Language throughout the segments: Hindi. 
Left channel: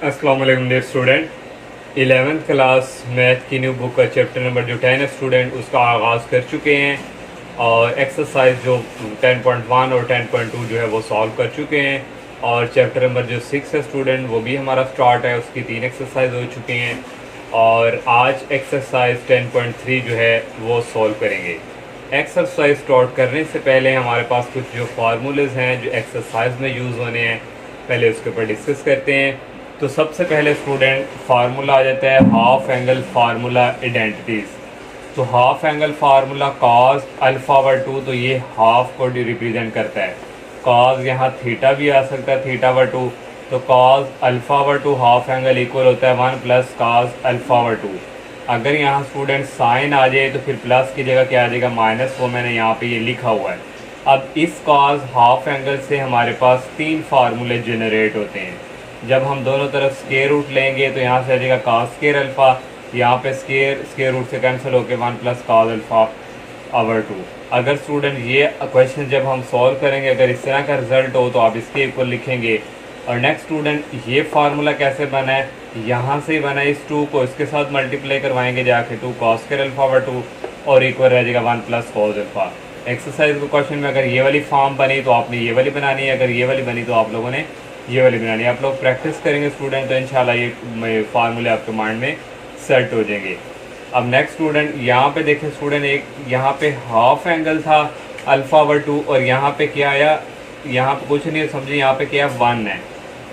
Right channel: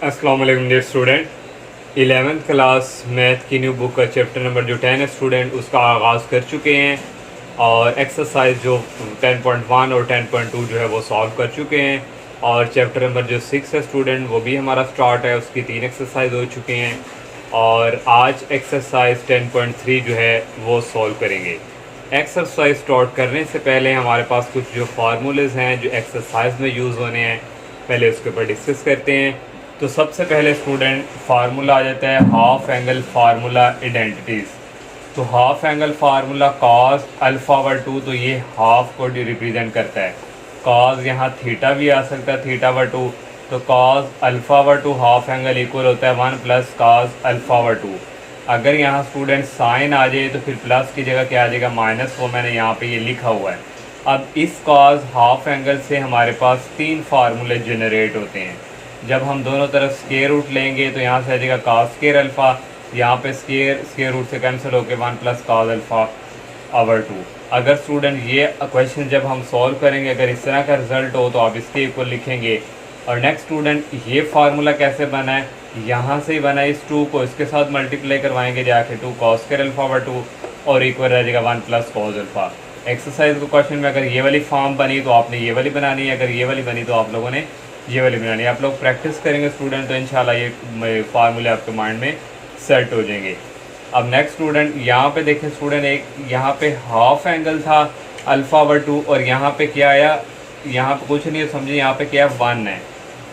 अस्सलाम वालेकुम dear student. 11th class math की न्यू बुक का चैप्टर नंबर जो 10 है स्टूडेंट उसका आगाज़ कर चुके हैं और एक्सरसाइज जो 10.1 और 10.2 जो है वो सॉल्व कर चुके हैं और चैप्टर नंबर जो 6 है स्टूडेंट वो भी हमारा स्टार्ट है, उसकी 3 एक्सरसाइज हो चुके हैं और आज एक्सरसाइज 10.3 जो है वो सॉल्व करेंगे। एक्सरसाइज स्टार्ट करने से पहले हमारे पास कुछ जो फार्मूलेज हैं जो एक्सरसाइज में यूज़ होने हैं पहले उसके ऊपर डिस्कस करते हैं। तो सबसे पहले स्टूडेंट फार्मूला आ जाता है हाफ एंगल फार्मूला आइडेंटिटीज़। तो हाफ एंगल फार्मूला कॉस अल्फा/2, तो ये हाफ को रिप्रेजेंट करता है। कॉस यहाँ थीटा भी आ सकता है, थीटा/2, तो कॉस अल्फा/2 हाफ एंगल इक्वल होता है 1 प्लस कॉस अल्फा/2। अगर यहाँ स्टूडेंट साइन आ जाए तो फिर प्लस की जगह क्या आ जाएगा माइनस, वो मैंने यहाँ पे ये लिखा हुआ है। अब इस कॉस हाफ एंगल से हमारे पास 3 फार्मूले जनरेट होते हैं। जब हम दोनों तरफ स्केयर रूट लेंगे तो यहाँ से आ जाएगा कॉस स्केयर अल्फ़ा, यहाँ पे स्केयर रूट से कैंसिल होकर 1 प्लस कॉस अल्फ़ा/2। अगर स्टूडेंट ये क्वेश्चन जब हम सॉल्व करेंगे अगर इस तरह का रिजल्ट हो तो आप इसके इक्वल लिखेंगे। और नेक्स्ट स्टूडेंट ये फार्मूला कैसे बना है, यहाँ से ही बना है। इस 2 को इसके साथ मल्टीप्लाई करवाएंगे जाके 2 कॉस स्केयर अल्फ़ा/2 और इक्वल रह जाएगा 1 प्लस कॉस अल्फ़ा। एक्सरसाइज को क्वेश्चन में अगर ये वाली फॉर्म बनी तो आपने ये वाली बनानी है, अगर ये वाली बनी तो आप लोगों ने ये वाली बनानी है। आप लोग प्रैक्टिस करेंगे स्टूडेंट तो इंशाल्लाह ये फार्मूले आपके माइंड में सेट हो जाएंगे। अब नेक्स्ट स्टूडेंट यहाँ पे देखें स्टूडेंट, एक यहाँ पे हाफ एंगल था अल्फ़ा/2 और यहाँ पे क्या आया, यहाँ पे कुछ नहीं है समझे, यहाँ पे क्या 1 है।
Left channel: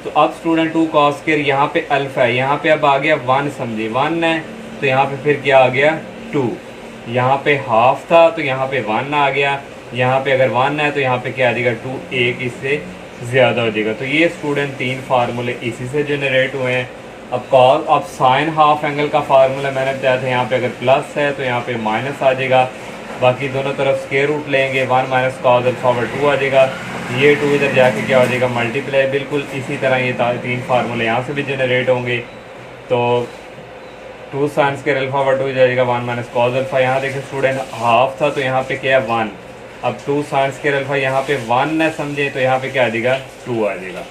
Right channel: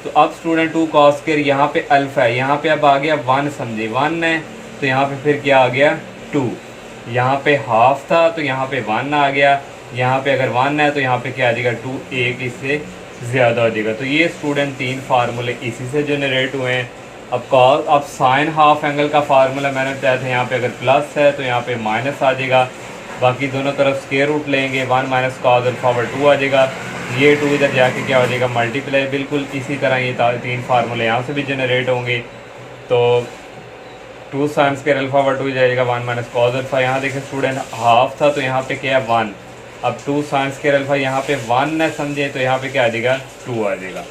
तो अब स्टूडेंट 2 कॉस स्क्वायर यहाँ पे अल्फ़ा है, यहाँ पे अब आ गया 1 समझे, 1 है तो यहाँ पे फिर क्या आ गया 2। यहाँ पे हाफ था तो यहाँ पे 1 आ गया, यहाँ पे अगर 1 है तो यहाँ पे क्या आ जाएगा 2, एक इससे ज़्यादा हो जाएगा। तो ये स्टूडेंट 3 फार्मूले इसी से जनरेट हुए हैं। अब साइन हाफ एंगल का फार्मूला मैंने बताया था, यहाँ पे अगर प्लस है तो यहाँ पे माइनस आ जाएगा, बाकी दोनों तरफ स्क्वायर रूट लेंगे 1 माइनस कॉस अल्फ़ा/2 आ जाएगा। ये 2 इधर जाके क्या हो जाएगा मल्टीप्लाई। बिल्कुल इसी तरह ये 3 फार्मूले यहाँ से भी जनरेट होंगे। तो 2 साइन स्क्वायर अल्फ़ा/2 जाएगा 1 माइनस कॉस अल्फ़ा। यहाँ देखिए स्टूडेंट हाफ था तो यहाँ पे क्या है 1, अब 2 साइन स्क्वायर अल्फ़ा यहाँ पे 1 है समझे, तो यहाँ पे क्या आ जाएगा 2 आ जाएगा।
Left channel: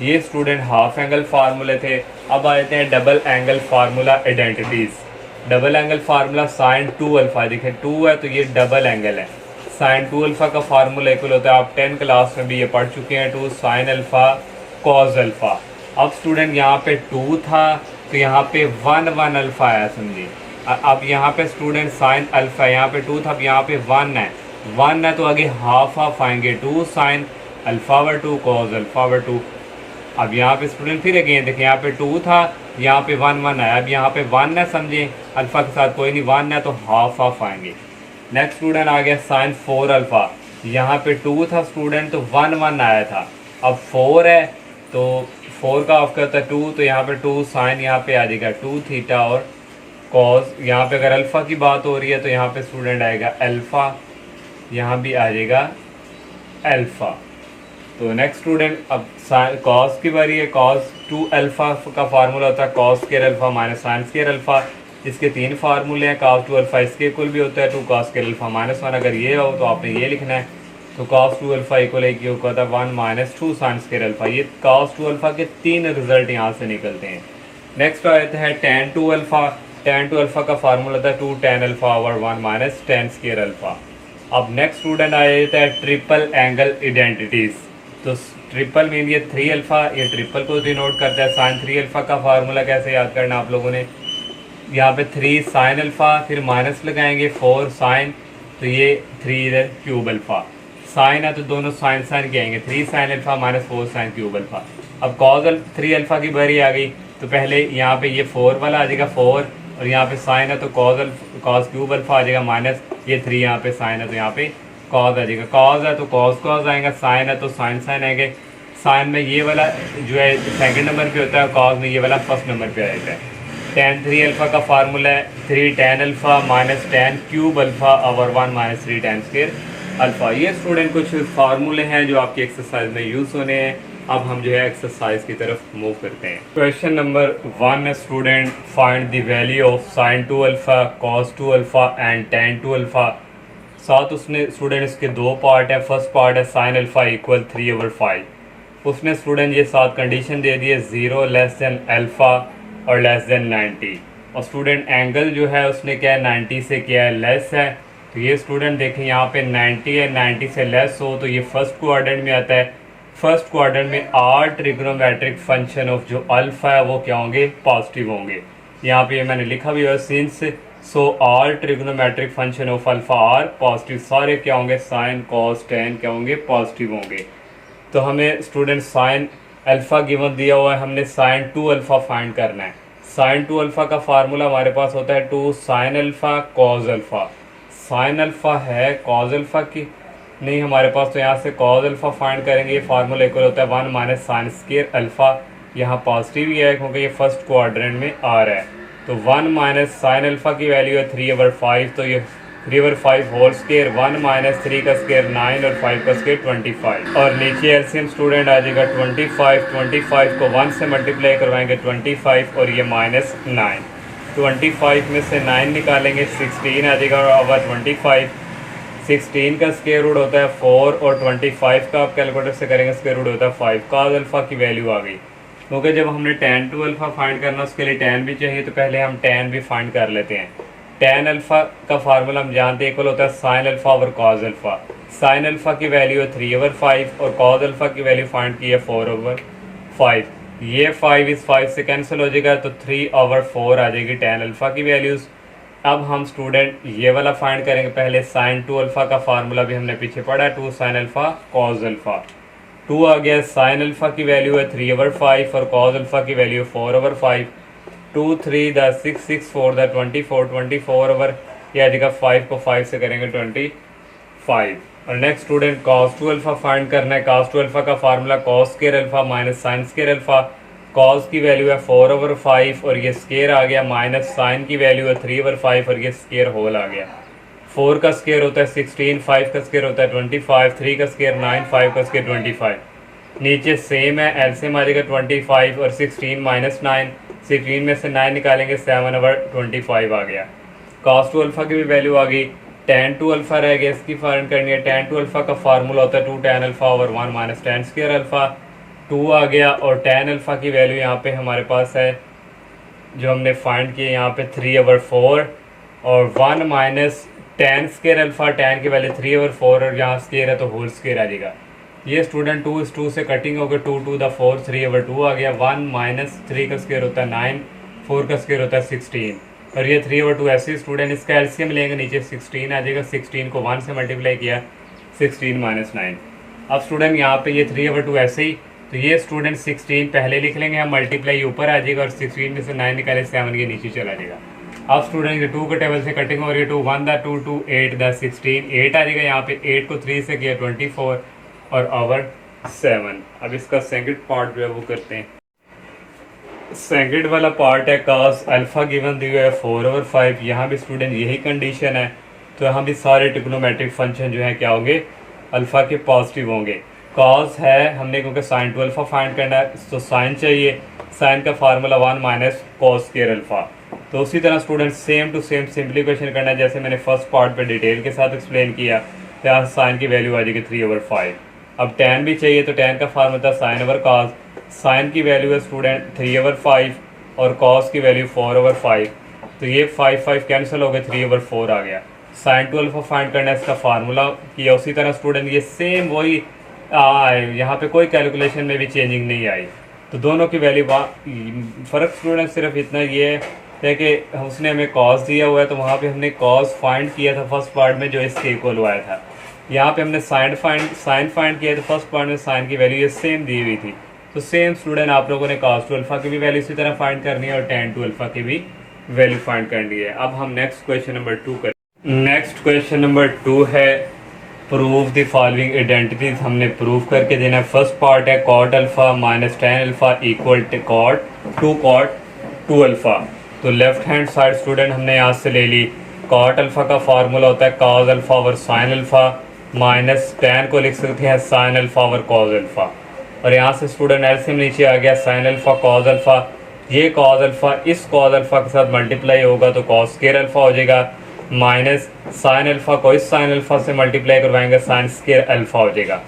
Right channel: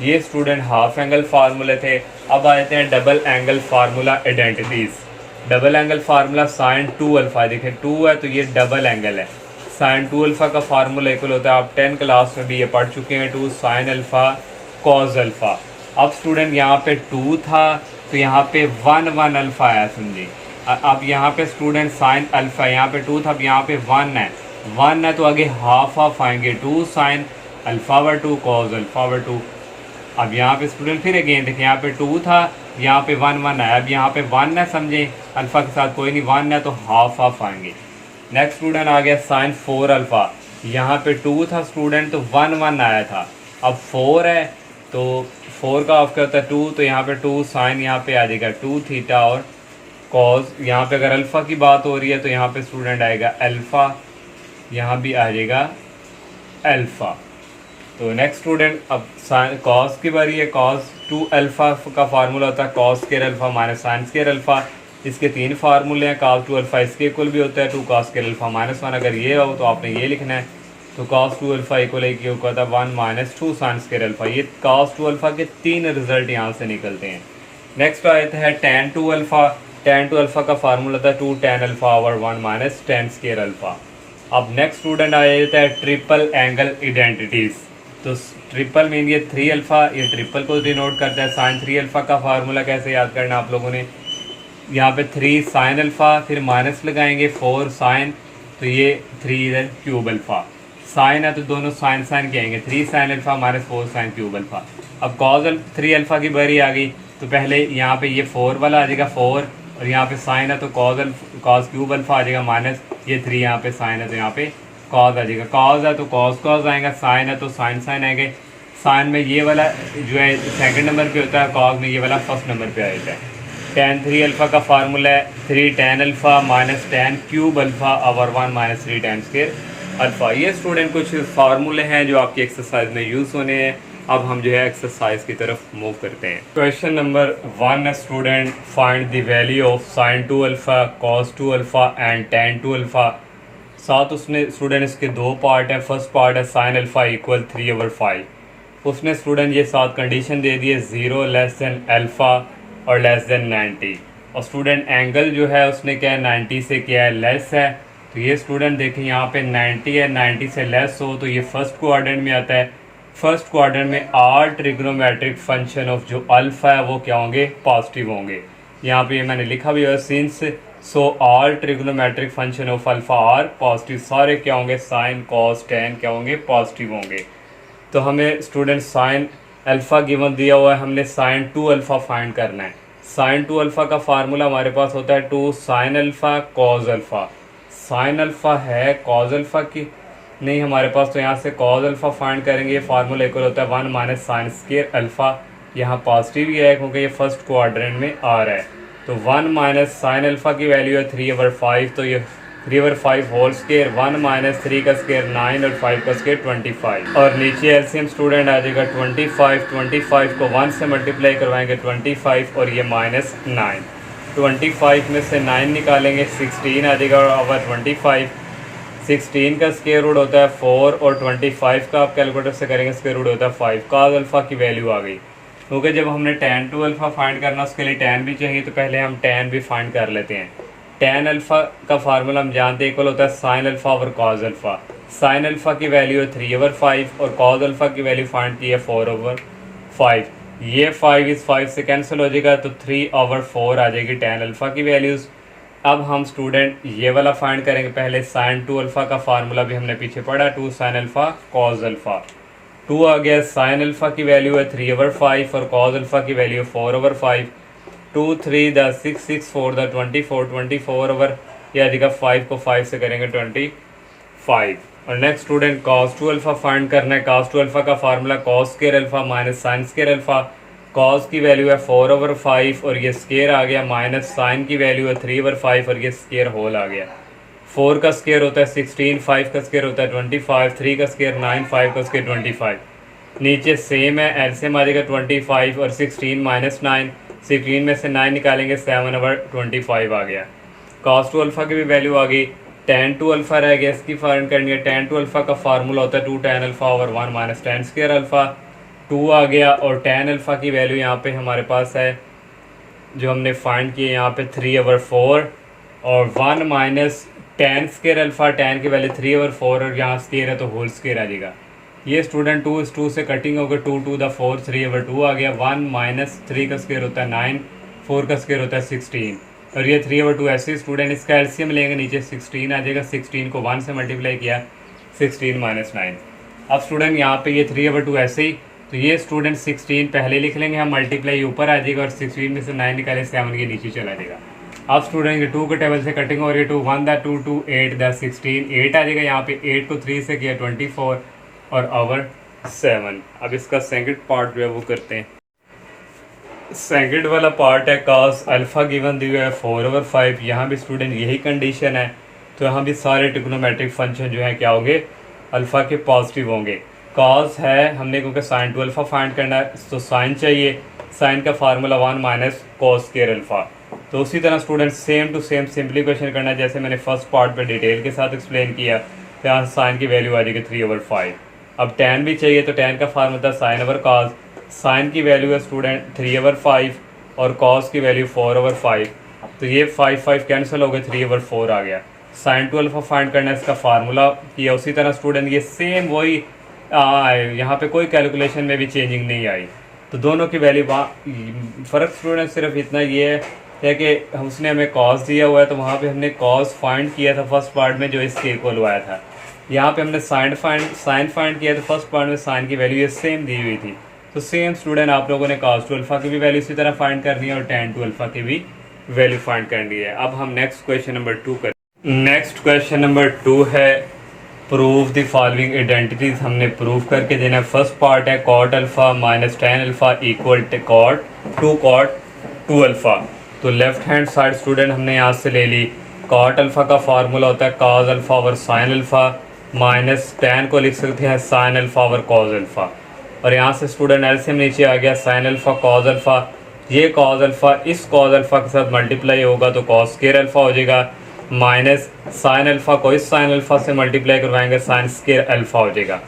ये स्टूडेंट हाफ एंगल फार्मूले थे। अब आ जाते हैं double angle formula identities. Double angle formula sign 2 alpha, देखिए 2 है तो ये डबल एंगल है। साइन 2 अल्फ़ा का फार्मूला इक्वल होता है, आप 10 क्लास में भी ये पढ़ चुके हैं, 2 साइन अल्फ़ा कॉस अल्फ़ा। अब स्टूडेंट यहाँ पे 2 था तो यहाँ पे 1 अल्फ़ा आया समझिए। अब यहाँ पे स्टूडेंट साइन अल्फ़ा, यहाँ पे 2 था, अब यहाँ पे 1 है तो आगे हाफ आएंगे 2 साइन अल्फ़ा/2 कॉस अल्फ़ा/2। अब यहाँ पे स्टूडेंट फिर अगेन देखिए यहाँ पे 2 था, यहाँ पे 1 है, अब यहाँ पे 1 है समझे, अल्फ़ा के साथ कोई नहीं 1 है तो हाफ आएंगे। नेक्स्ट स्टूडेंट आ गया साइन 4 अल्फ़ा, यहाँ पे 2 था स्टूडेंट तो 1 आया था, अब 4 है तो 4 का ऑफ करता है 2, तो यहाँ पे 2 साइन यहाँ पे आ जाएगा 2 थीटा और कॉस। यहाँ पे अगर अल्फ़ा की बात हो रही है तो यहाँ पे स्टूडेंट आएगा अल्फ़ा, यहाँ भी आ जाएगा अल्फ़ा। तो नेक्स्ट स्टूडेंट अब कॉस की बारी है। कॉस 2 अल्फ़ा का फार्मूला होता है cos square alpha minus sine square alpha. इसके 3 फार्मूले हैं, कॉस 2 अल्फ़ा इसके इक्वल भी होता है 2 कॉस स्क्वायर अल्फ़ा माइनस 1, अगर ये हो तो आपने ये लिखना है। तो कॉस 2 अल्फ़ा इक्वल होता है 1 माइनस 2 साइन स्क्वायर अल्फ़ा। ये कॉस 2 अल्फ़ा के 3 रिजल्ट यहाँ से निकलते हैं। नेक्स्ट आते हैं tan 2 अल्फ़ा। tan 2 अल्फ़ा का फार्मूला होता है 2 tan alpha over 1 minus tan square alpha. अब नेक्स्ट स्टूडेंट आ जाता है ट्रिपल एंगल आइडेंटिटीज़। तो ट्रिपल मीन ये 3 अल्फ़ा, ये ट्रिपल को डिनोट करता है। साइन 3 अल्फ़ा का फार्मूला कैसे याद करना आप लोगों ने, यहाँ पे 3 साइन अल्फ़ा फिर माइनस लगाएंगे 4 साइन, तो ये 3 इधर क्यूब अल्फ़ा। साइन है तो दोनों साइन साइन के आएंगे, 3 sign alpha minus 4 sine cube alpha. अब कॉस 3 अल्फ़ा की बारी आ गई तो पहले यहाँ पे ये 4 वाला आ जाएगा 4, और यहाँ पे साइन है तो कॉस क्यूब अल्फ़ा आ जाएगा माइनस ये 3, यहाँ पे साइन है तो यहाँ पे कॉस आ जाएगा। कॉस है तो कॉस आएगा, साइन है तो साइन आएंगे। साइन में ये वाला जो है सेकंड नंबर पे होता है, कॉस में ये वाला फर्स्ट नंबर पे आ जाता है। tan 3 अल्फ़ा का फार्मूला है 3 tan alpha minus tan cube alpha over 1 minus 3 tan square alpha. ये स्टूडेंट कुछ फार्मूले हैं जो आपकी एक्सरसाइज में यूज़ होने हैं। अब हम जो है एक्सरसाइज की तरफ मूव करते हैं। Question number 1 student, find the value of sine 2 alpha cos 2 alpha and tan 2 alpha. साथ उसने स्टूडेंट इसके 2 पार्ट है। फर्स्ट पार्ट है साइन अल्फ़ा इक्वल 3/5, उसने स्टूडेंट ये साथ कंडीशन दे दी है 0 लेस देन अल्फ़ा और लेस देन 90, और स्टूडेंट एंगल जो है उसने क्या है 90 से क्या है लेस है। तो ये स्टूडेंट देखें यहाँ पे 90 है, 90 से लेस हो तो ये फर्स्ट क्वाड्रेंट में आता है। फर्स्ट क्वाड्रेंट में आल ट्रिग्नोमेट्रिक फंक्शन ऑफ जो अल्फ़ा है वो क्या होंगे, पॉजिटिव होंगे। यहाँ पे मैंने लिखा भी है since so all trigonometric function of alpha are positive, सारे क्या होंगे साइन कॉस टेन क्या होंगे पॉजिटिव होंगे। तो हमें स्टूडेंट साइन अल्फ़ा गिवन दिया हुआ है, हमने साइन 2 अल्फ़ा फाइंड करना है। साइन 2 अल्फ़ा का फार्मूला हमारे पास होता है 2 sine alpha cos alpha. Sine alpha है कॉज अल्फ़ा की नहीं हमारे पास, तो यहाँ से कॉज अल्फ़ा फाइंड करेंगे। ये फार्मूला इक्वल होता है 1 माइनस साइन स्क्वायर अल्फ़ा, यहाँ पॉजिटिव ही है क्योंकि ये फर्स्ट क्वाड्रेंट में आ रहा है। तो 1 माइनस साइन अल्फ़ा की वैल्यू है 3/5, तो ये 3/5 होल स्क्वायर, 1 माइनस 3 का स्क्वायर 9 और 5 का स्क्वायर 25, और नीचे एलसीएम स्टूडेंट आ जाएगा 25 को 1 से मल्टीप्लाई करवाएंगे 25 और ये माइनस 9, 25 में से 9 निकालेंगे 16 आ जाएगा, और ओवर 25 16 का स्क्वायर रूट होता है 4 और 25 का आप कैलकुलेटर से करेंगे स्क्वायर रूट होता है 5। कॉस अल्फ़ा की वैल्यू आ गई, क्योंकि जब हमने tan 2 अल्फ़ा फाइंड करना उसके लिए tan भी चाहिए, तो पहले हम tan भी फाइंड कर लेते हैं। tan अल्फ़ा का फार्मूला हम जानते हैं इक्वल होता है sign alpha over cos alpha. Sine alpha की वैल्यू है 3/5 और कॉस अल्फ़ा की वैल्यू फाइंड की है 4/5। ये 5 इस 5 से कैंसिल हो जाएगा, तो 3/4 आ जाएगी tan अल्फ़ा की वैल्यूज़। अब हम स्टूडेंट ये वाला फाइंड करेंगे। पहले साइन 2 अल्फ़ा का फार्मूला भी हमने पीछे पढ़ा, 2 साइन अल्फ़ा कॉस अल्फ़ा। 2 आ गया, साइन अल्फ़ा की वैल्यू है 3/5 और कॉस अल्फ़ा की वैल्यू है 4/5। 2 3 द 6 6 4 द 24 ओवर, ये आ जाएगा 5 को 5 से करेंगे 25। और next student cos 2 alpha find करना है। कॉस 2 अल्फ़ा का formula cos square alpha minus sine square alpha. Cos की वैल्यू है 4/5 और ये स्क्वायर आ गया, माइनस साइन की वैल्यू है 3/5 और ये स्क्वायर होल आ गया। 4 का स्क्वायर होता है 16, 5 का स्क्वायर होता है 25, 3 का स्क्वायर 9, 5 का स्क्वायर 25। नीचे सेम है, एलसीएम आ जाएगा 25 और 16 माइनस 9, 16 में से 9 निकालेंगे 7/25 आ गया। कॉस 2 अल्फ़ा की भी वैल्यू आ गई। tan 2 अल्फ़ा रह गया, इसकी फाइंड करनी है। tan 2 अल्फ़ा का फार्मूला होता है 2 tan alpha over 1 minus tan square alpha. 2 आ गया, और tan अल्फ़ा की वैल्यू यहाँ पे हमारे पास है जो हमने फाइंड किया यहाँ पे 3/4 और 1 minus tan square alpha. tan की वैल्यू 3/4 और यहाँ स्क्वायर है तो होल स्क्वायर आ जाएगा। ये स्टूडेंट 2 इस 2 से कटिंग होकर 2 2 द 4 3/2 आ गया। 1 माइनस 3 का स्क्वायर होता है 9, 4 का स्क्वायर होता है 16 और ये 3/2 ऐसे स्टूडेंट इसका एलसीएम लेंगे, नीचे 16 आ जाएगा। 16 को 1 से मल्टीप्लाई किया 16 माइनस 9। अब स्टूडेंट यहाँ पे ये 3/2 ऐसे ही, तो ये स्टूडेंट 16 पहले लिख लेंगे हम, मल्टीप्लाई ऊपर आ जाएगा और 16 में से 9 निकाले 7 के नीचे चला जाएगा। अब स्टूडेंट ये 2 के टेबल से कटिंग हो रही है। 2 1 द 2 2 8 द 16 8 आ जाएगा। यहाँ पे 8 को 3 से किया 24 और ओवर 7। अब इसका सेकंड पार्ट जो है वो करते हैं। सेकंड वाला पार्ट है कॉस अल्फ़ा गिवन दी हुई है 4/5। यहाँ भी स्टूडेंट यही कंडीशन है, तो यहाँ भी सारे ट्रिग्नोमेट्रिक फंक्शन जो है क्या होंगे, अल्फ़ा के पॉजिटिव होंगे। कॉस है हमने क्योंकि साइन 2 अल्फ़ा फाइंड करना है तो साइन चाहिए। साइन का formula 1 minus cos square alpha. तो उसी तरह student same to same simplification करना है, जैसे मैंने फर्स्ट पार्ट पे डिटेल के साथ एक्सप्लेन किया। तो यहाँ साइन की वैल्यू आ जाएगी 3/5। अब tan भी चाहिए, तो tan का फार्मूला था साइन ओवर कॉस। साइन की वैल्यू है स्टूडेंट 3/5 और कॉस की वैल्यू 4/5। तो ये 5 5 कैंसिल हो गए, 3/4 आ गया। साइन 2 अल्फ़ा फाइंड करना है, इसका फार्मूला किया। उसी तरह स्टूडेंट ये सेम वही यहाँ पे कोई कैलकुलेशन में भी चेंजिंग नहीं आई। तो दोनों की वैल्यू फ़र्क स्टूडेंट सिर्फ इतना ये है कि उसने हमें कॉस दिया हुआ है, तो वहाँ पे हमने कॉस फाइंड किया था फर्स्ट पार्ट में जो इसके इक्वल हुआ था। यहाँ पे हमने साइन फाइंड किया था फर्स्ट पार्ट में, साइन की वैल्यू ये सेम दी हुई थी। तो सेम स्टूडेंट आप लोगों ने कॉस 2 अल्फ़ा की भी वैल्यू इसी तरह फाइंड करनी है और tan 2 अल्फ़ा की भी वैल्यू फाइंड करनी है। अब हम नेक्स्ट क्वेश्चन नंबर 2 करें। नेक्स्ट क्वेश्चन नंबर 2 है प्रूव द फॉलोइंग आइडेंटिटीज। हमने प्रूव करके देना है। फर्स्ट पार्ट है cot alpha minus tan alpha equal to cot 2 alpha. तो लेफ्ट हैंड साइड स्टूडेंट हमने यहाँ से ले ली। कॉट अल्फ़ा का फार्मूला होता है cos alpha over sine alpha, minus tan को लिख सकते हैं sine alpha over cos alpha. और यहाँ से स्टूडेंट एलसीएम नीचे आ गया, साइन अल्फ़ा कॉस अल्फ़ा। ये कॉस अल्फ़ा इस कॉस अल्फ़ा के साथ मल्टीप्लाई होगा तो कॉस स्क्वायर अल्फ़ा हो जाएगा, माइनस साइन अल्फ़ा को इस साइन अल्फ़ा से मल्टीप्लाई करवाएंगे साइन स्क्वायर अल्फ़ा हो जाएगा।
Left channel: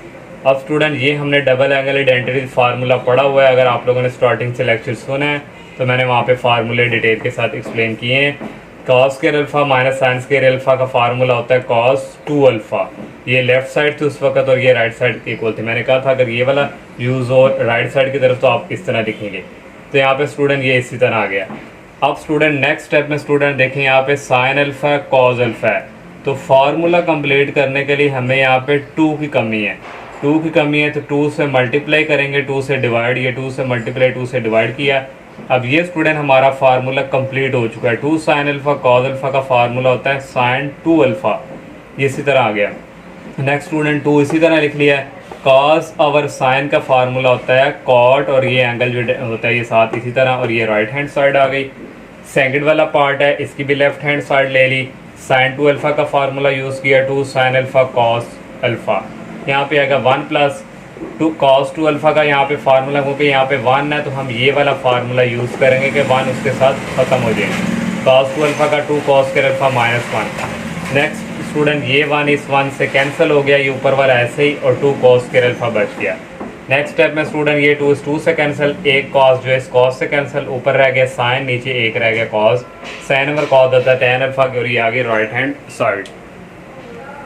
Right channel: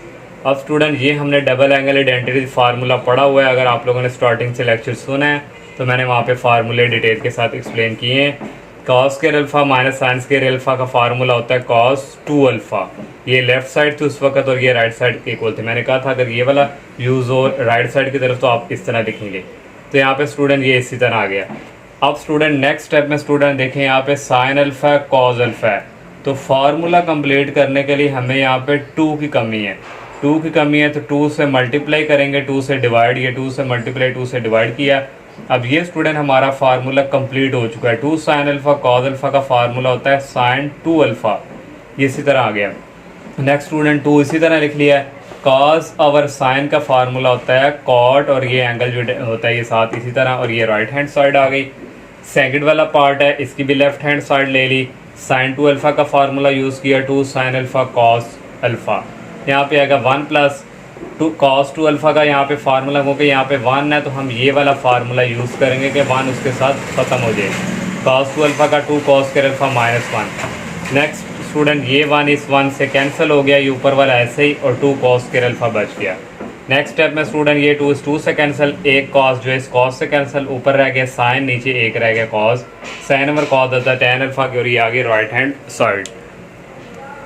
अब स्टूडेंट ये हमने डबल एंगल आइडेंटिटी फार्मूला पढ़ा हुआ है, अगर आप लोगों ने स्टार्टिंग से लेक्चर सुना है तो मैंने वहाँ पे फार्मूले डिटेल के साथ एक्सप्लेन किए हैं। Cos square alpha minus sine square alpha का फार्मूला होता है कॉस 2 अल्फा। ये लेफ्ट साइड थी उस वक्त और ये राइट साइड के इक्वल थे। मैंने कहा था अगर ये वाला यूज़ हो राइट साइड की तरफ तो आप इस तरह लिखेंगे। तो यहाँ पे स्टूडेंट ये इसी तरह आ गया। अब स्टूडेंट नेक्स्ट स्टेप में स्टूडेंट देखें यहाँ पे साइन अल्फा है कॉस अल्फा है, तो फार्मूला कंप्लीट करने के लिए हमें यहाँ पे 2 की कमी है। 2 की कमी है तो 2 से मल्टीप्लाई करेंगे, 2 से डिवाइड, ये 2 से मल्टीप्लाई 2 से डिवाइड किया। अब ये स्टूडेंट हमारा फार्मूला कंप्लीट हो चुका है। 2 साइन अल्फा कॉस अल्फा का फार्मूला होता है साइन 2 अल्फा, ये इसी तरह आ गया। नेक्स्ट स्टूडेंट 2 इसी तरह लिख लिया है। कॉस और साइन का फार्मूला होता है कॉट, और ये एंगल जो होता है ये साथ इसी तरह, और ये राइट हैंड साइड आ गई। सेकंड वाला पार्ट है इसकी भी लेफ्ट हैंड साइड ले ली। साइन 2 अल्फा का फार्मूला यूज़ किया 2 साइन अल्फा कॉस अल्फा। यहाँ पे आएगा 1 प्लस 2 कॉस 2 अल्फा का यहाँ पे फार्मूला, क्योंकि यहाँ पे 1 है तो हम ये वाला फार्मूला यूज़ करेंगे कि 1 उसके साथ ख़त्म हो जाए। कॉस 2 अल्फा का 2 cos square alpha minus 1। Next student ये 1 इस 1 से कैंसिल हो गया, ये ऊपर वाला ऐसे ही, और 2 कॉस स्क्वायर अल्फा बच गया। नेक्स्ट स्टेप में स्टूडेंट ये 2 इस 2 से कैंसिल, एक कॉस जो है इस कॉस से कैंसिल, ऊपर रह गया साइन, नीचे एक रह गया कॉस। साइन ओवर कॉस होता है tan अल्फा की, और ये आगे राइट हैंड साइड।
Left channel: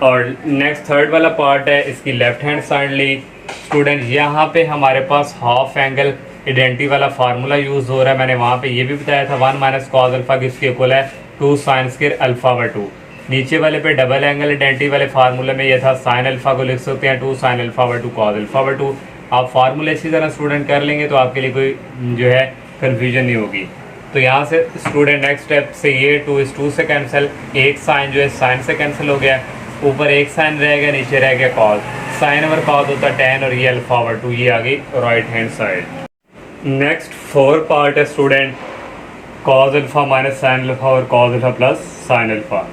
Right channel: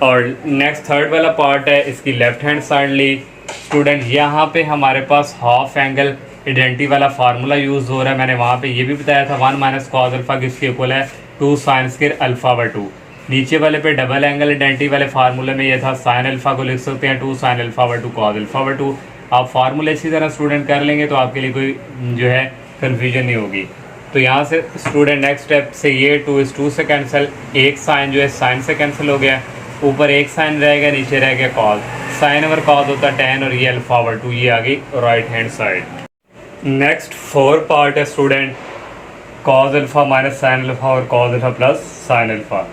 और नेक्स्ट थर्ड वाला पार्ट है इसकी लेफ्ट हैंड साइड ली। स्टूडेंट यहाँ पे हमारे पास हाफ एंगल आइडेंटिटी वाला फार्मूला यूज़ हो रहा है। मैंने वहाँ पे ये भी बताया था 1 माइनस कॉस अल्फा किसके इक्वल है 2 साइन स्क्वायर अल्फा बाय 2। नीचे वाले पे डबल एंगल आइडेंटिटी वाले फार्मूले में ये था साइन अल्फा को लिख सकते हैं 2 sine alpha by 2 cos alpha by 2। आप फार्मूले इसी तरह स्टूडेंट कर लेंगे तो आपके लिए कोई जो है कन्फ्यूजन नहीं होगी। तो यहाँ से स्टूडेंट नेक्स्ट स्टेप से ये 2 इस 2 से कैंसिल, एक साइन जो है साइन से कैंसिल हो गया, ऊपर एक साइन रहेगा नीचे रह गया कॉस। साइन ओवर कॉस होता है tan, और ये अल्फा ओवर 2, ये आ गई right hand side. Next 4 part है student cos alpha minus sine alpha और cos alpha plus sine alpha.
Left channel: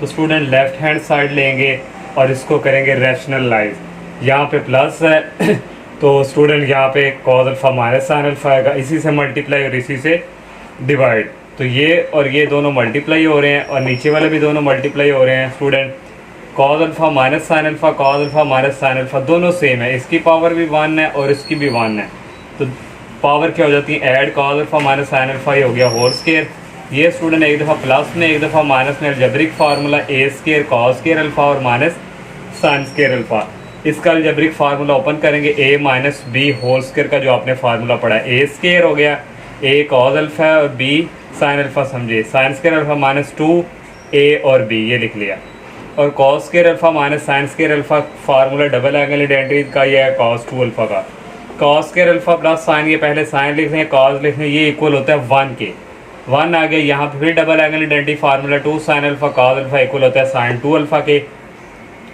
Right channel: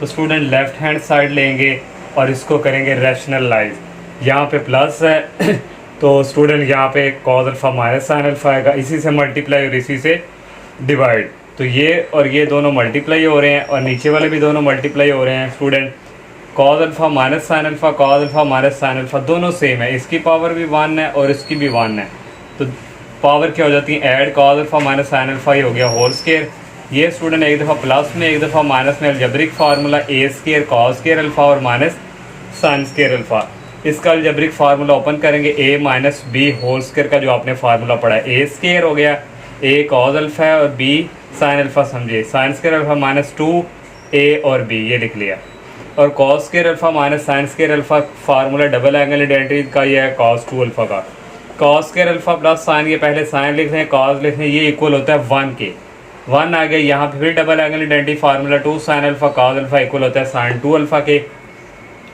तो स्टूडेंट लेफ्ट हैंड साइड लेंगे और इसको करेंगे रैशनलाइज। यहाँ पे प्लस है तो स्टूडेंट यहाँ पे cos alpha minus sine alpha आएगा, इसी से मल्टीप्लाई और इसी से डिवाइड। तो ये और ये दोनों मल्टीप्लाई हो रहे हैं और नीचे वाले भी दोनों मल्टीप्लाई हो रहे हैं। Student cos alpha minus sine alpha, cos alpha minus sine alpha दोनों सेम है, इसकी पावर भी 1 है और इसकी भी 1 है। तो पावर क्या हो जाती है add, cos alpha minus sine alpha, ये हो गया होल स्क्वायर। ये स्टूडेंट एक दफ़ा प्लस में एक दफ़ा माइनस में अलजेब्रिक फार्मूला ए स्क्वायर कॉस स्क्वायर अल्फा और माइनस साइन स्क्वायर अल्फा। इसका अलजेब्रिक फार्मूला ओपन करेंगे ए माइनस बी होल स्क्वायर का जो आपने फार्मूला पढ़ा है। ए स्क्वायर हो गया, ए कॉस अल्फा है और बी साइन अल्फा, समझे साइन स्क्वायर अल्फा माइनस 2 ए और बी, ये लिख लिया। और cos square alpha minus sine square alpha formula double angle identity का ये है कॉस 2 अल्फा का। Cos square alpha plus sign, ये पहले साइन लिख रहे हैं कॉस लिख रहे हैं, ये इक्वल होता है 1 के। 1 आ गया, यहाँ पे फिर double angle identity formula 2 sine alpha cos alpha equal होता है साइन 2 अल्फा के,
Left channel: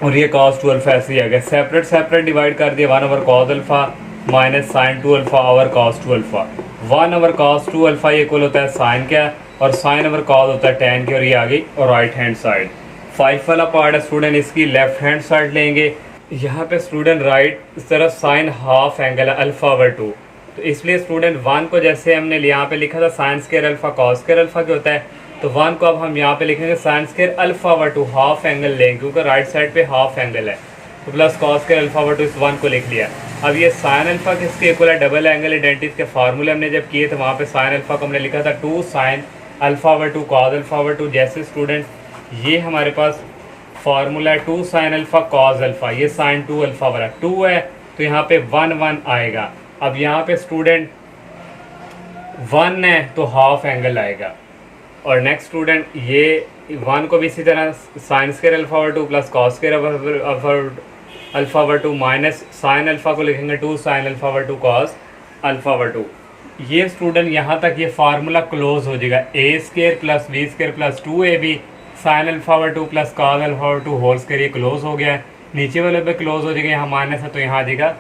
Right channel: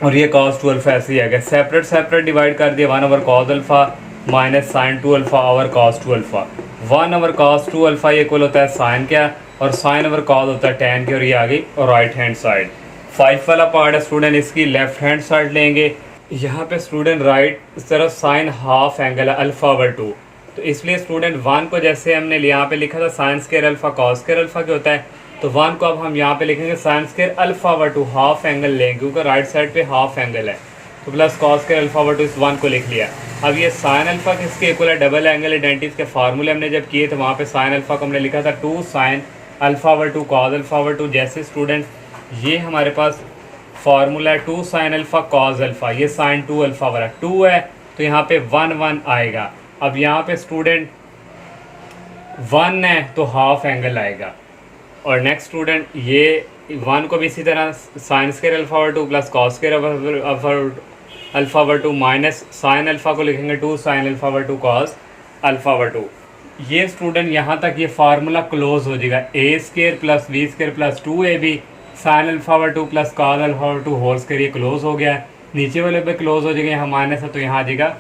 और ये कॉस 2 अल्फा ऐसे ही आ गया। सेपरेट सेपरेट डिवाइड कर दिया 1 over cos alpha minus sine 2 alpha over cos 2 alpha. 1 over cos 2 alpha ये इक्वल होता है साइन क्या, और साइन ओवर कॉस होता है tan के, और ये आ गई और राइट हैंड साइड। 5 वाला पार्ट है स्टूडेंट इसकी लेफ्ट हैंड साइड लेंगे। यहाँ पे स्टूडेंट राइट इस तरफ साइन हाफ एंगल है अल्फा ओवर 2, तो इसलिए स्टूडेंट 1 को जैसे हमने यहाँ पे लिखा था sine square alpha cos square alpha क्या होता है, तो 1 को अब हम यहाँ पे लिखेंगे sine square alpha over 2 half angle लेंगे, क्योंकि राइट साइड पे हाफ एंगल है, तो plus cos square alpha over 2 इस 1 को लिख लिया। अब ये साइन अल्फा किसके इक्वल है, डबल एंगल आइडेंटिटी के फार्मूले हमने जब किए तो वहाँ पे साइन अल्फा को हमने लिखा था 2 sign alpha over 2 cos alpha over 2। जैसे स्टूडेंट ये हमारे पास फार्मूला है 2 साइन अल्फा कॉस अल्फा, ये साइन 2 अल्फा वाला 2 है तो यहाँ पे 1 1 आएगा। अब यहाँ पे स्टूडेंट 1 है तो हाफ एंगल आएगा। और नेक्स्ट स्टूडेंट ये 1 को भी इसी तरह sine square alpha over 2 plus cos square alpha over 2 minus sine alpha को लिखेंगे 2 sign alpha over 2 cos alpha over 2। ये स्टूडेंट यहाँ तक ये फार्मूला क्लोज हो जाएगा, A square plus B square plus 2ab sine alpha over 2 plus cos alpha over 2 whole square, ये क्लोज हो गया है। नीचे वाले पे क्लोज हो जाएगा, यहाँ माइनस है तो यहाँ आ जाएगा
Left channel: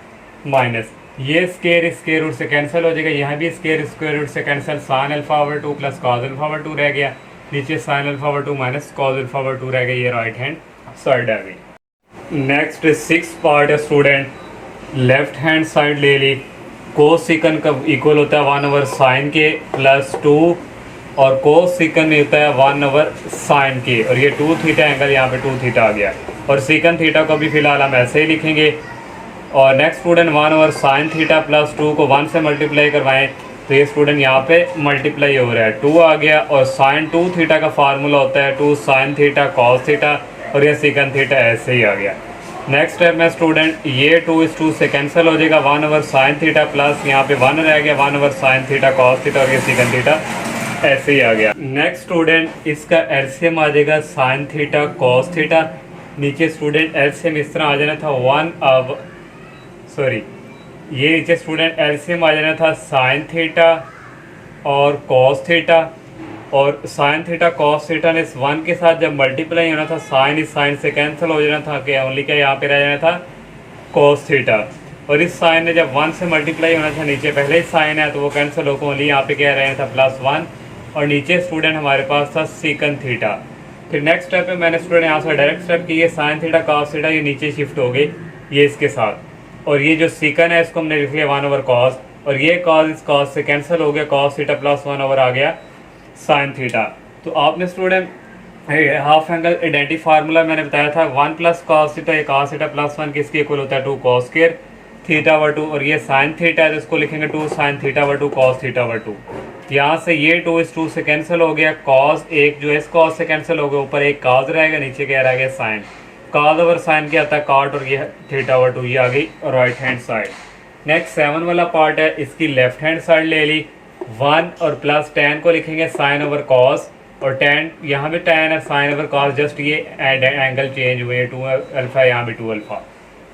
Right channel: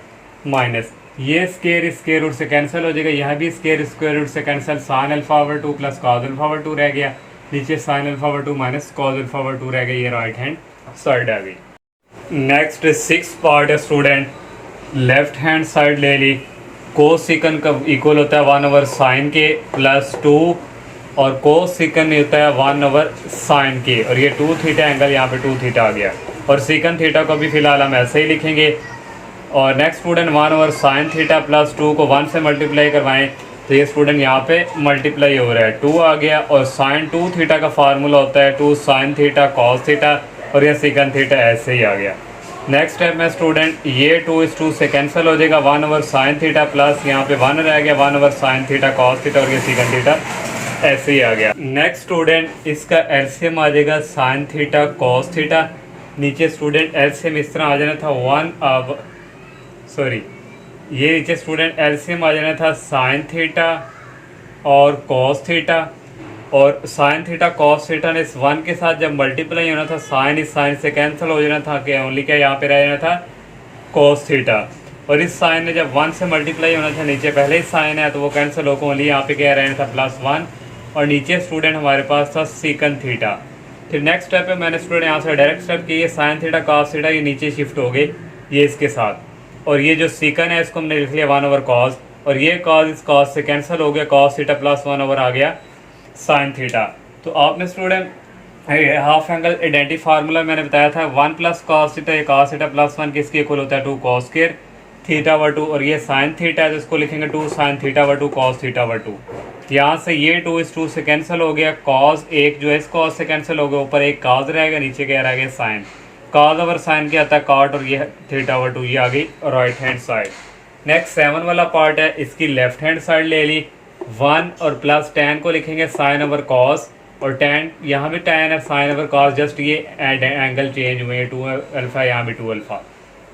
माइनस। ये स्क्वायर रूट से कैंसिल हो जाएगा, यहाँ भी स्क्वायर रूट से cancel, sign alpha over 2 plus cos alpha over 2 रह गया, नीचे sign alpha over 2 minus cos alpha over 2 रह गया, ये राइट हैंड साइड आ गई। नेक्स्ट 6 पार्ट है स्टूडेंट लेफ्ट हैंड साइड ले ली। कोस सीकन का इक्वल होता है 1 ओवर साइन के प्लस 2, और कोस सीकन में होता है 1 ओवर साइन के, और ये 2 थीटा एंगल यहाँ पे 2 थीटा आ गया। और सीकन थीटा को भी फिलहाल हम ऐसे ही लिखेंगे और नेक्स्ट स्टूडेंट 1/sin θ + 2 को 1 से मल्टीप्लाई करवाएं तो ये स्टूडेंट यहाँ पे मल्टीप्लाई हो रहा है, 2 आ गया। और sin 2θ का फार्मूला होता है 2sin θ cos θ, और ये secant θ ऐसे ही आ गया। नेक्स्ट स्टेप में स्टूडेंट ये 2 इस 2 से कैंसिल हो जाएगा, 1/sin θ प्लस यहाँ पे 1 रह गया 1/sin θ cos θ, और ये secant θ ऐसे ही आ गया। नेक्स्ट स्टूडेंट इसका एलसीएम आ जाएगा sin θ cos θ। नीचे स्टूडेंट एलसीएम इस तरह आ जाना था ये नीचे स्टूडेंट एलसीएम आ जाना था sin θ और cos θ, और sin θ cos θ ने इस 1 के साथ जब मल्टीप्लाई होना था साइन इस साइन से कैंसिल हो जाना था, कि ओनली क्या यहाँ पे रह जाना था cos θ, और इस साइन ने जब 1 से मल्टीप्लाई होना था, नीचे पहले ही साइन है तो वो कैंसिल होकर ओनली यहाँ पे क्या रहना था +1, और नीचे स्टूडेंट हमारे पास था secant θ। फिर नेक्स्ट स्टेप पे मैंने स्टूडेंट यहाँ से डायरेक्ट स्टेप की, ये sin θ cos θ ये नीचे शिफ्ट हो गई ये इसके साथ, और ये जो secant है इसको हमने लिख लिया 1/cos, और ये cos इस cos से कैंसिल हो गया, cos θ + 1 आ गया sin θ। तो आपने student half angle identity formula मैंने बताया था 1 + cos θ, ये cos θ + 1 किसके इक्वल होता है 2 cos स्क्वायर θ/2, और ये sin θ है तो इसको लिखेंगे 2 sin θ/2 cos θ/2। यहाँ से ये 2 इस 2 से कैंसिल हो गया, cos एक जो है इस cos से कैंसिल हो गया, ऊपर एक cos रहेगा, नीचे क्या रह गया sin, cos/sin क्या आता है cot, और ये θ/2 ये आ गई राइट हैंड साइड। नेक्स्ट 7 वाला पार्ट है, इसकी लेफ्ट हैंड साइड ले ली, 1 और प्लस tan को लिखेंगे sin/cos, और tan यहाँ भी tan है sin/cos, जस्ट ये एंगल चेंज हुए 2α यहाँ भी 2α,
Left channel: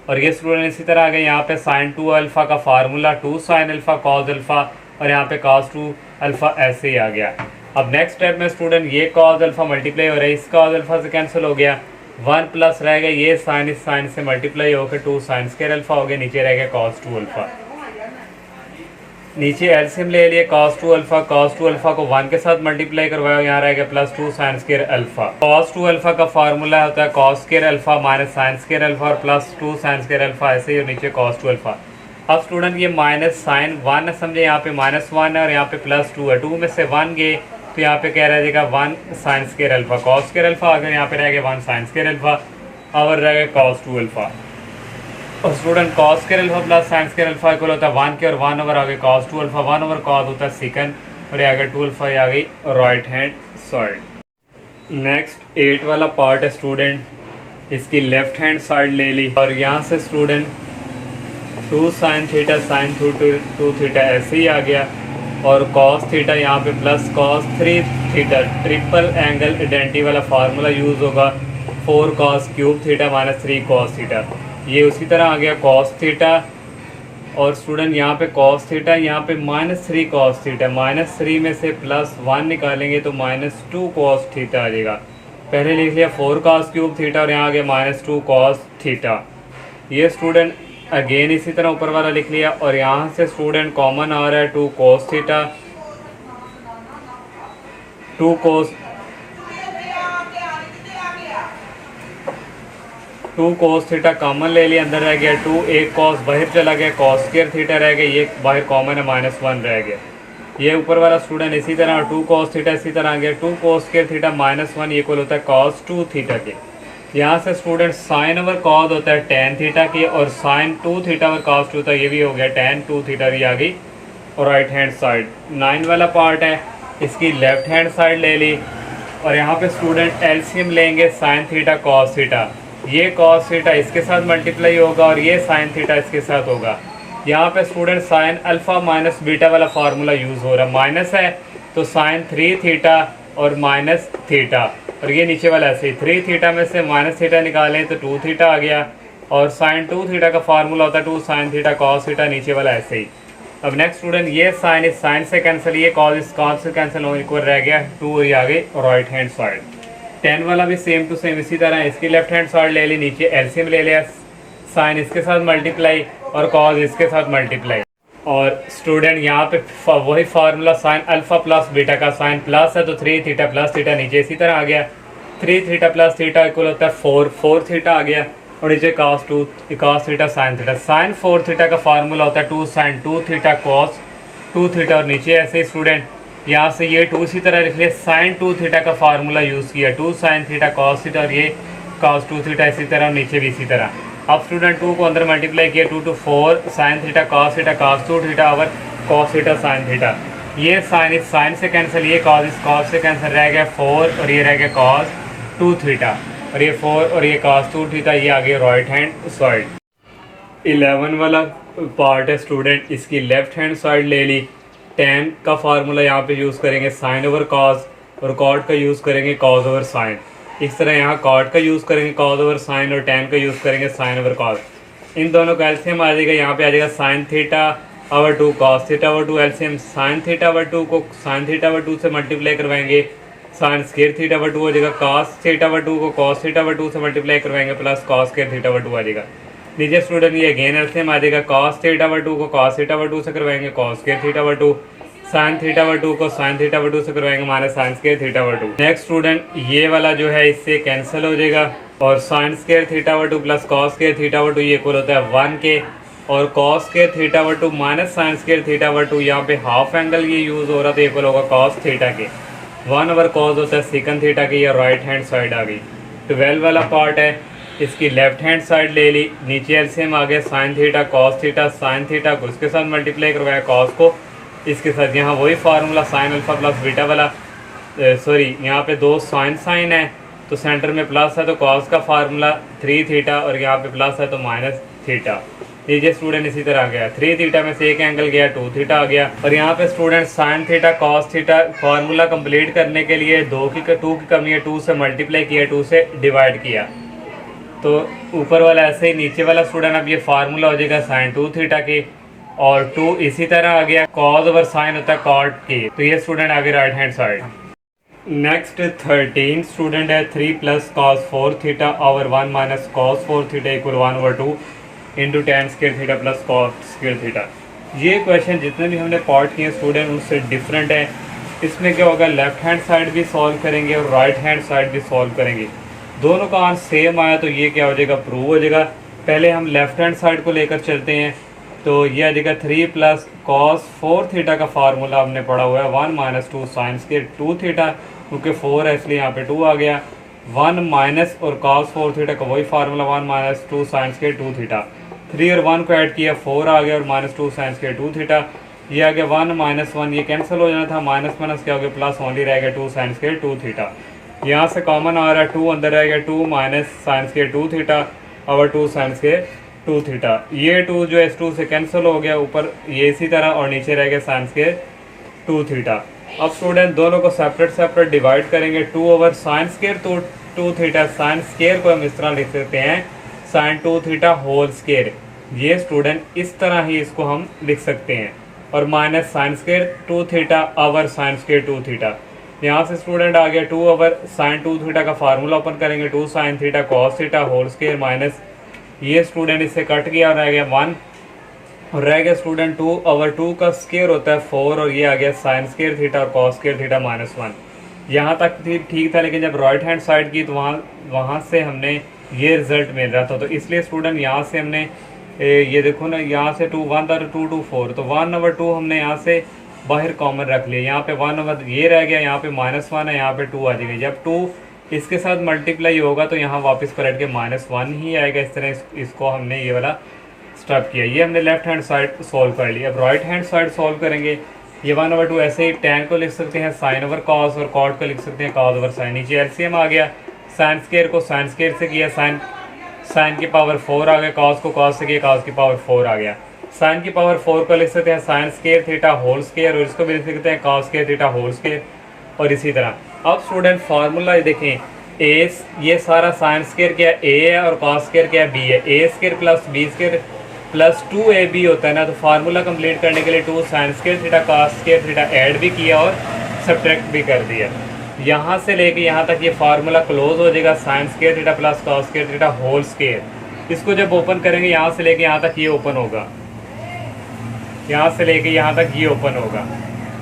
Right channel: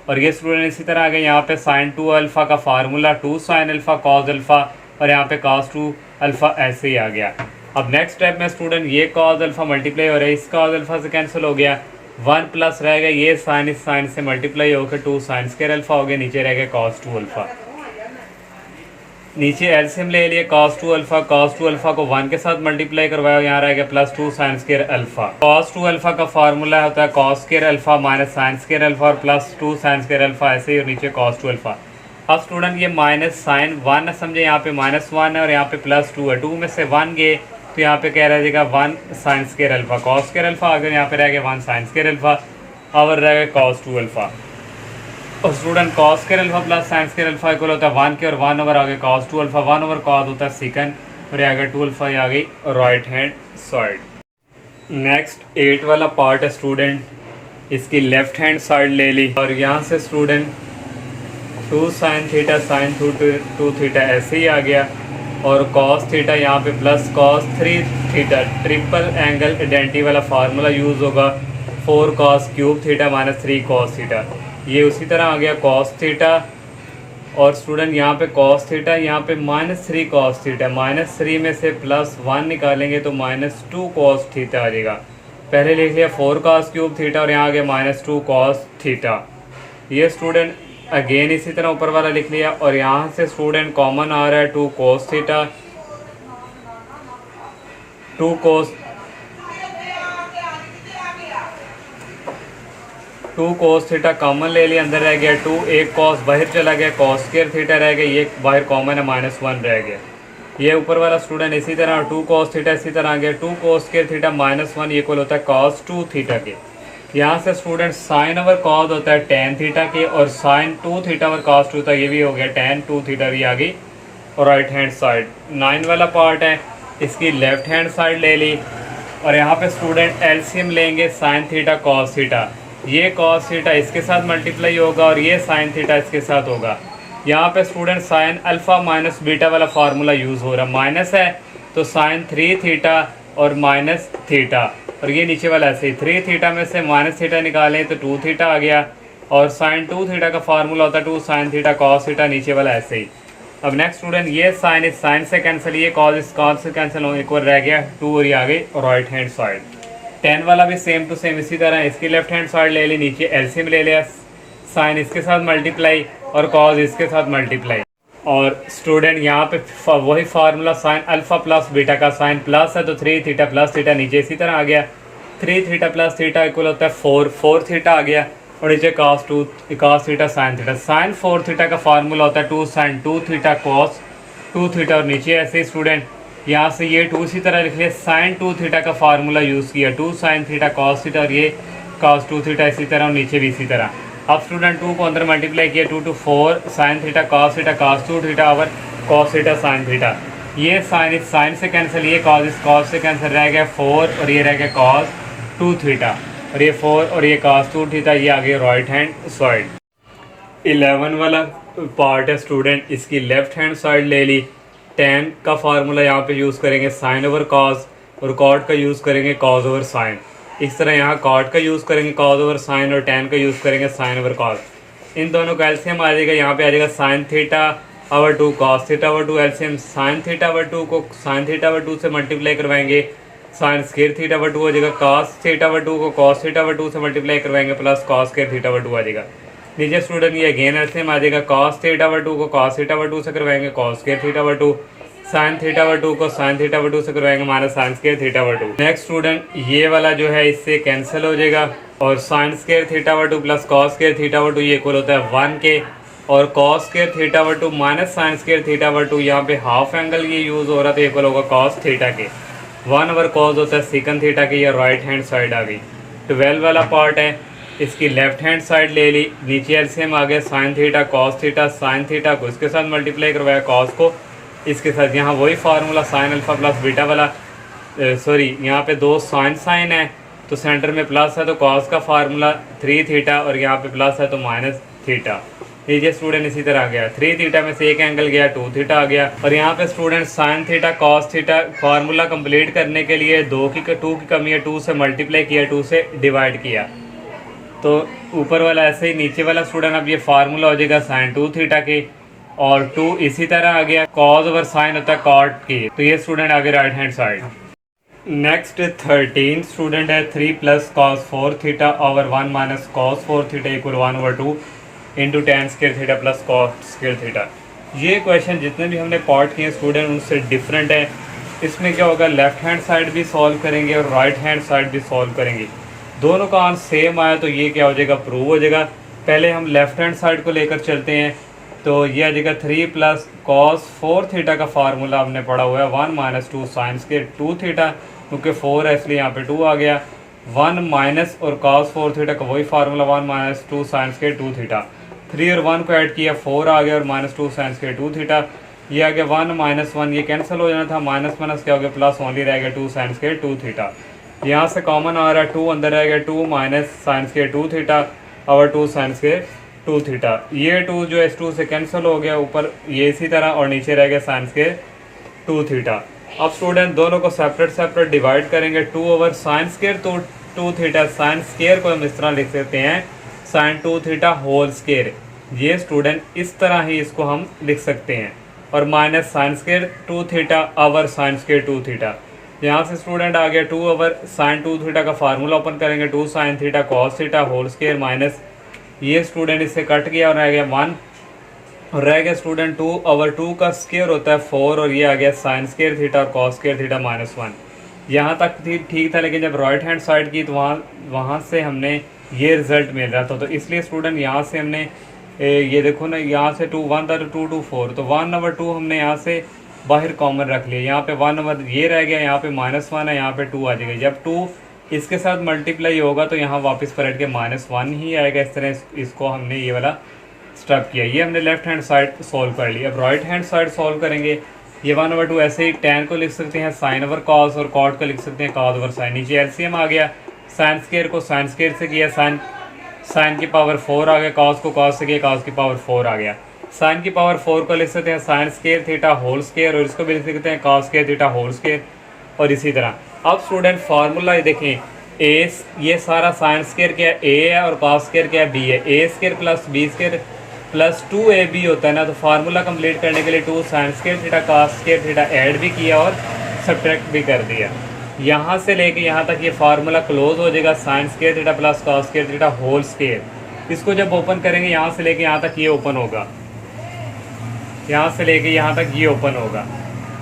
और ये स्टूडेंट इसी तरह आ गए यहाँ पे sin 2α का फार्मूला 2 sin α cos α, और यहाँ पे cos 2α ऐसे ही आ गया। अब नेक्स्ट स्टेप में स्टूडेंट ये cos α मल्टीप्लाई हो रहा है, इस cos α से कैंसिल हो गया, 1 प्लस रह गया, ये साइन इस साइन से मल्टीप्लाई होकर 2 sin स्क्वायर अल्फा हो गया, नीचे रह गया cos 2α। नीचे एलसीएम ले लिए cos 2α को 1 के साथ मल्टीप्लाई करवाया, यहाँ रह गया +2 sin स्क्वायर अल्फा। cos 2α का फार्मूला होता है cos square alpha minus sin square alpha और +2 sin स्क्वायर अल्फा, ऐसे ही, और नीचे cos 2α। अब स्टूडेंट ये माइनस साइन 1 समझे, यहाँ पे -1 है और यहाँ पे +2 है, 2 में से 1 गए तो यहाँ पे क्या रह जाएगा 1 sin square alpha cos square alpha, अगर यहाँ पे रह गया 1 sin स्क्वायर अल्फा, और रह गया cos 2α। और student cos square alpha plus sin square alpha equal होता है 1 के, और 1 आगे cos 2α, 1/cos होता है secant, और ये आगे 2α आ गई राइट हैंड साइड। नेक्स्ट 8 वाला पार्ट है स्टूडेंट, इसकी लेफ्ट हैंड साइड ले ली, और यहाँ से स्टूडेंट 2 sin θ sin 2θ ऐसे ही आ गया, और cos θ यहाँ पे plus cos 3θ, triple angle identity वाला फार्मूला यूज़ होगा 4 cos क्यूब θ माइनस 3 cos θ, ये उसी तरह आ गया cos θ, और स्टूडेंट यहाँ पे cos θ यहाँ पे -3 cos θ, -3 में से +1 निकालेंगे तो -2 cos θ आ जाएगा। पहले लिख लिया 4 cos क्यूब θ, और यहाँ आ गया -2 cos θ। ये स्टूडेंट अगेन इसी तरह ऊपर वाला लिख लिया, और यहाँ से स्टूडेंट कॉमन आ रहा है 2 cos θ, 2 cos θ कॉमन ले लिया, अंदर रह गया 2, एक cos बाहर चला गया, cos स्क्वायर θ रह गया, ये बाहर कॉमन है -1 रह गया। ये ऊपर वाला स्टूडेंट इसी तरह 2 cos θ इसी तरह आ गया, 2 cos स्क्वायर θ -1 ये इक्वल होता है cos 2 θ के। यहाँ से स्टूडेंट sin/cos होता है tan θ के, और sin 2θ/cos 2 था, ये भी हो गया tan 2θ भी आ गई और राइट हैंड साइड। 9 वाला पार्ट है, इसकी लेफ्ट हैंड साइड ले ली, और यहाँ पे स्टूडेंट एलसीएम लेंगे sin θ cos θ, ये cos θ इसके साथ मल्टीप्लाई होगा, और ये sin θ इसके साथ होगा। यहाँ पे student sin alpha minus beta वाला फार्मूला यूज़ हो रहा है, माइनस है तो sin 3θ और माइनस θ, और ये नीचे वाला ऐसे ही 3θ में से -θ निकालें तो 2θ आ गया, और sin 2θ का फार्मूला होता है 2 sin θ cos θ, नीचे वाला ऐसे ही। अब नेक्स्ट स्टूडेंट ये साइन इस साइन से कैंसिल, ये cos इस cos से कैंसिल हो, इक्वल रह गया 2, और ये आ गई राइट हैंड साइड। 10 वाला भी सेम टू सेम इसी तरह, इसकी लेफ्ट हैंड साइड ले ली, नीचे एलसीएम ले लिया, साइन इसके साथ मल्टीप्लाई और cos इसके साथ मल्टीप्लाई, और स्टूडेंट यहाँ पे वही formula sin alpha plus beta का, साइन प्लस है तो 3θ प्लस θ, नीचे इसी तरह आ गया 3θ प्लस θ इक्वल होता है 4θ आ गया, और नीचे cos θ sin θ। sin 4θ का फार्मूला होता है 2 sin 2θ cos 2θ, और नीचे ऐसे स्टूडेंट यहाँ से ये 2 इसी तरह लिख लिया, sin 2θ का फार्मूला यूज़ किया 2 sin θ cos θ, और ये cos 2θ इसी तरह, और नीचे भी इसी तरह। अब स्टूडेंट 2 को अंदर मल्टीप्लाई किया, 2 to 4 sign theta cos theta cos 2 theta और कॉस थीटा साइन थीटा। ये साइन इस साइन से कैंसिल, ये कॉस इस कॉस से कैंसिल, रह गया 4 और ये रह गया कॉस 2 थीटा और ये 4 और ये कॉस 2 थीटा। ये आ गया राइट हैंड साइड। 11 वाला पार्ट है स्टूडेंट, इसकी लेफ्ट हैंड साइड ले ली। tan का फार्मूला यहाँ पे यूज़ करेंगे साइन ओवर कॉस और कॉट का यूज़ करेंगे कॉस ओवर साइन। इस तरह यहाँ कॉट का यूज़ करेंगे कॉस ओवर साइन और tan का यूज़ करेंगे साइन ओवर कॉस। इन दोनों का एलसीएम आ जाएगा, यहाँ पे आ जाएगा sine theta over 2 cos theta over 2। LCM sine theta over 2 को साइन थीटा ओवर 2 से मल्टीप्लाई करवाएंगे, साइन स्क्वायर थीटा ओवर 2 हो जाएगा। कॉस थीटा ओवर 2 को कॉस थीटा ओवर 2 से मल्टीप्लाई करवाएंगे plus cos square theta over 2 आ जाएगा। नीचे स्टूडेंट ये अगेन एलसीएम आ जाएगा, कॉस थीटा ओवर 2 को कॉस थीटा ओवर 2 से करवाएंगे cos square theta over 2, sine theta over 2 को साइन थीटा ओवर 2 से करवाएंगे minus sine square theta over 2। Next student ये वाला जो है इससे कैंसिल हो जाएगा और sign square theta over 2 plus cos square theta over 2 ये इक्वल होता है 1 के, और cos square theta over 2 minus sine square theta over 2, यहाँ पे हाफ एंगल ये यूज हो रहा था, इक्वल होगा कॉस थीटा के। 1 ओवर कॉस होता है सेकंड थीटा के। ये राइट हैंड साइड आ गई। 12 वाला पार्ट है, इसकी लेफ्ट हैंड साइड ले ली, नीचे एलसीएम आ गया sign theta cos theta, sine theta को इसके साथ मल्टीप्लाई करवाया कॉस को इसके साथ। यहाँ वही formula sine alpha plus beta वाला, सॉरी यहाँ पे दो साइन है तो सेंटर में प्लस है तो कॉस का फार्मूला 3 थीटा और यहाँ पे प्लस है तो माइनस थीटा। नीचे स्टूडेंट इसी तरह आ गया, 3 थीटा में से एक एंगल गया 2 थीटा आ गया। और यहाँ पे student sine theta cos theta formula complete करने के लिए 2 की कमी है, 2 से मल्टीप्लाई किया, 2 से डिवाइड किया, तो ऊपर वाला ऐसे ही नीचे वाला स्टूडेंट अब ये फार्मूला हो जाएगा साइन 2 थीटा के, और 2 इसी तरह आ गया, कॉस ओवर साइन होता है कॉट की, तो ये स्टूडेंट आ गया right hand side. Next 13 student है, 3 plus cos 4 theta over 1 minus cos 4 theta equal 1 over 2 into tan square theta plus cos square theta. ये क्वेश्चन जितने भी हमने पार्ट किए स्टूडेंट उनसे डिफरेंट है। इसमें क्या होगा, लेफ्ट हैंड साइड भी सॉल्व करेंगे और राइट हैंड साइड भी सॉल्व करेंगे, दोनों का आंसर सेम आया तो ये क्या हो जाएगा, प्रूव हो जाएगा। पहले हम लेफ्ट हैंड साइड को लेकर चलते हैं, तो ये आ जाएगा 3 प्लस कॉस 4 थीटा का फार्मूला हमने पढ़ा हुआ है 1 माइनस 2 साइन स्क्वायर 2 थीटा, क्योंकि 4 है इसलिए यहाँ पे 2 आ गया, 1 माइनस और कॉस 4 थीटा का वही formula 1 minus 2 sine square 2 theta. 3 और 1 को ऐड किया 4 आ गया और माइनस 2 साइन स्क्वायर 2 थीटा। ये आ गया 1 माइनस 1, ये कैंसिल हो जाना था, माइनस माइनस क्या हो गया प्लस, ओनली रह गया 2 साइन स्क्वायर 2 थीटा। यहाँ से कॉमन आ रहा है 2 अंदर रहेगा, 2 माइनस साइन स्क्वायर 2 थीटा और 2 साइन स्क्वायर 2 थीटा। ये 2 जो है इस 2 से कैंसिल हो गया, ऊपर ये इसी तरह और नीचे रह गया साइन स्क्वायर 2 थीटा। अब स्टूडेंट दोनों को सेपरेट डिवाइड करेंगे, 2 over sine square 2 theta, sine square को हम इस तरह लिख सकते हैं साइन 2 थीटा होल स्क्वायर। ये स्टूडेंट इस तरह ही इसको हम लिख सकते हैं, और minus sine square 2 theta over sine square 2 theta. यहाँ से स्टूडेंट आ गया 2 ओवर साइन 2 थीटा का फार्मूला ओपन करेंगे, 2 sine theta cos theta whole square minus, ये स्टूडेंट इससे कट गया और रह गया 1, और रह गया स्टूडेंट 2 ओवर 2 का स्क्वायर होता है 4, और ये आ गया साइन स्क्वायर थीटा और कॉस स्क्वायर थीटा माइनस 1। यहाँ तक ठीक था, लेकिन जब राइट हैंड साइड की तो वहाँ से हमने ये रिजल्ट मिल रहा था, तो इसलिए स्टूडेंट यहाँ से हमने ये देखो ना, यहाँ से 2 1 था 2 2 4, तो 1 ओवर 2 हमने यहाँ से बाहर कॉमन रख लिया, यहाँ पे 1 ओवर ये रह गया, यहाँ पे माइनस 1 है, यहाँ पे 2 आ जाएगा। जब 2 इसके साथ मल्टीप्लाई होगा तो यहाँ वापस पलट के माइनस 1 ही आएगा। इस तरह इसको हमने ये वाला स्टेप किया। ये हमने लेफ्ट हैंड साइड सॉल्व कर लिया। अब राइट हैंड साइड सॉल्व करेंगे। ये 1 ओवर 2 ऐसे ही tan को लिख सकते हैं साइन ओवर कॉस, और कॉट को लिख सकते हैं कॉस ओवर साइन। नीचे एलसीएम आ गया, साइन स्क्वायर को साइन स्क्वायर से किया, साइन की पावर 4 आ गया, कॉस को कॉस से किया, कॉस की पावर 4 आ गया। साइन की पावर 4 को लिख सकते हैं sine square theta whole square, और इसको भी लिख सकते हैं cos square theta whole square, और इसी तरह। अब स्टूडेंट फार्मूला देखें, ए ये सारा साइन स्क्वायर क्या ए है और कॉस स्क्वायर क्या बी है, A square plus B square plus 2ab होता है ना, तो फार्मूला कंप्लीट करने के लिए 2 sign square theta cos square theta add भी किया और सब्ट्रैक्ट भी कर दिया। यहाँ से लेके यहाँ तक ये फार्मूला क्लोज हो जाएगा, sine square theta plus cos square theta whole square. इसको जब ओपन करेंगे यहाँ से लेके यहाँ तक ये ओपन होगा, यहाँ से लेके यहाँ तक ये ओपन होगा,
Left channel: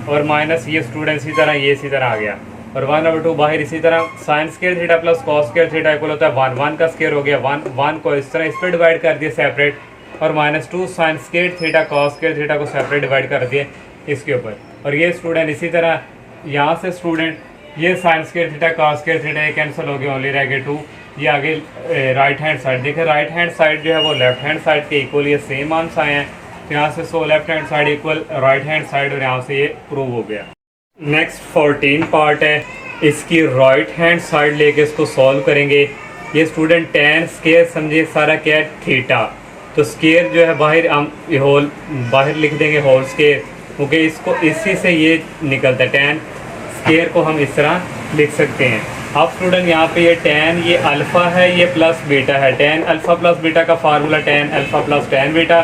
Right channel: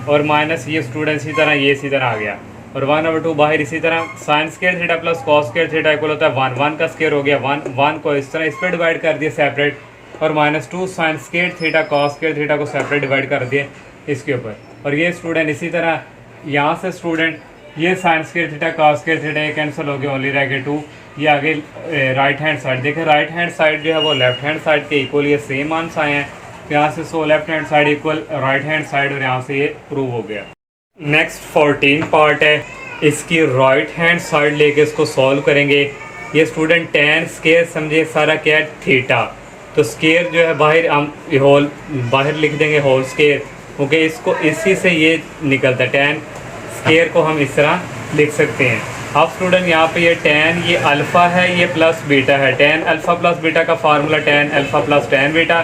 और माइनस ये स्टूडेंट इसी तरह ये इसी तरह आ गया, और 1 ओवर 2 बाहर इसी तरह। Sign square theta plus cos square theta equal होता है 1, 1 का स्क्वायर हो गया 1 को इस तरह इस पर डिवाइड कर दिया सेपरेट, और minus 2 sign square theta cos square theta को सेपरेट डिवाइड कर दिए इसके ऊपर। और ये स्टूडेंट इसी तरह यहाँ से स्टूडेंट ये sign square theta cos square theta ये कैंसिल हो गया, ओनली रह गया 2, ये आगे राइट हैंड साइड देखें, राइट हैंड साइड जो है वो लेफ्ट हैंड साइड के इक्वल, ये सेम आंसर आए हैं। तो यहाँ से so left hand side equal right hand side, और यहाँ से ये प्रूव हो गया। नेक्स्ट 14 पार्ट है, इसकी राइट हैंड साइड लेके इसको सॉल्व करेंगे। ये स्टूडेंट tan स्केयर समझिए सारा क्या है, थीटा। तो स्केयर जो है बाहर हम होल बाहर लिख देंगे होल स्केयर, क्योंकि इसको इसी से ये निकलता है। tan स्केयर को हम इस तरह लिख सकते हैं। अब स्टूडेंट यहाँ पे ये tan ये अल्फ़ा है, ये प्लस बीटा है। tan अल्फ़ा प्लस बीटा का formula tan alpha plus tan beta.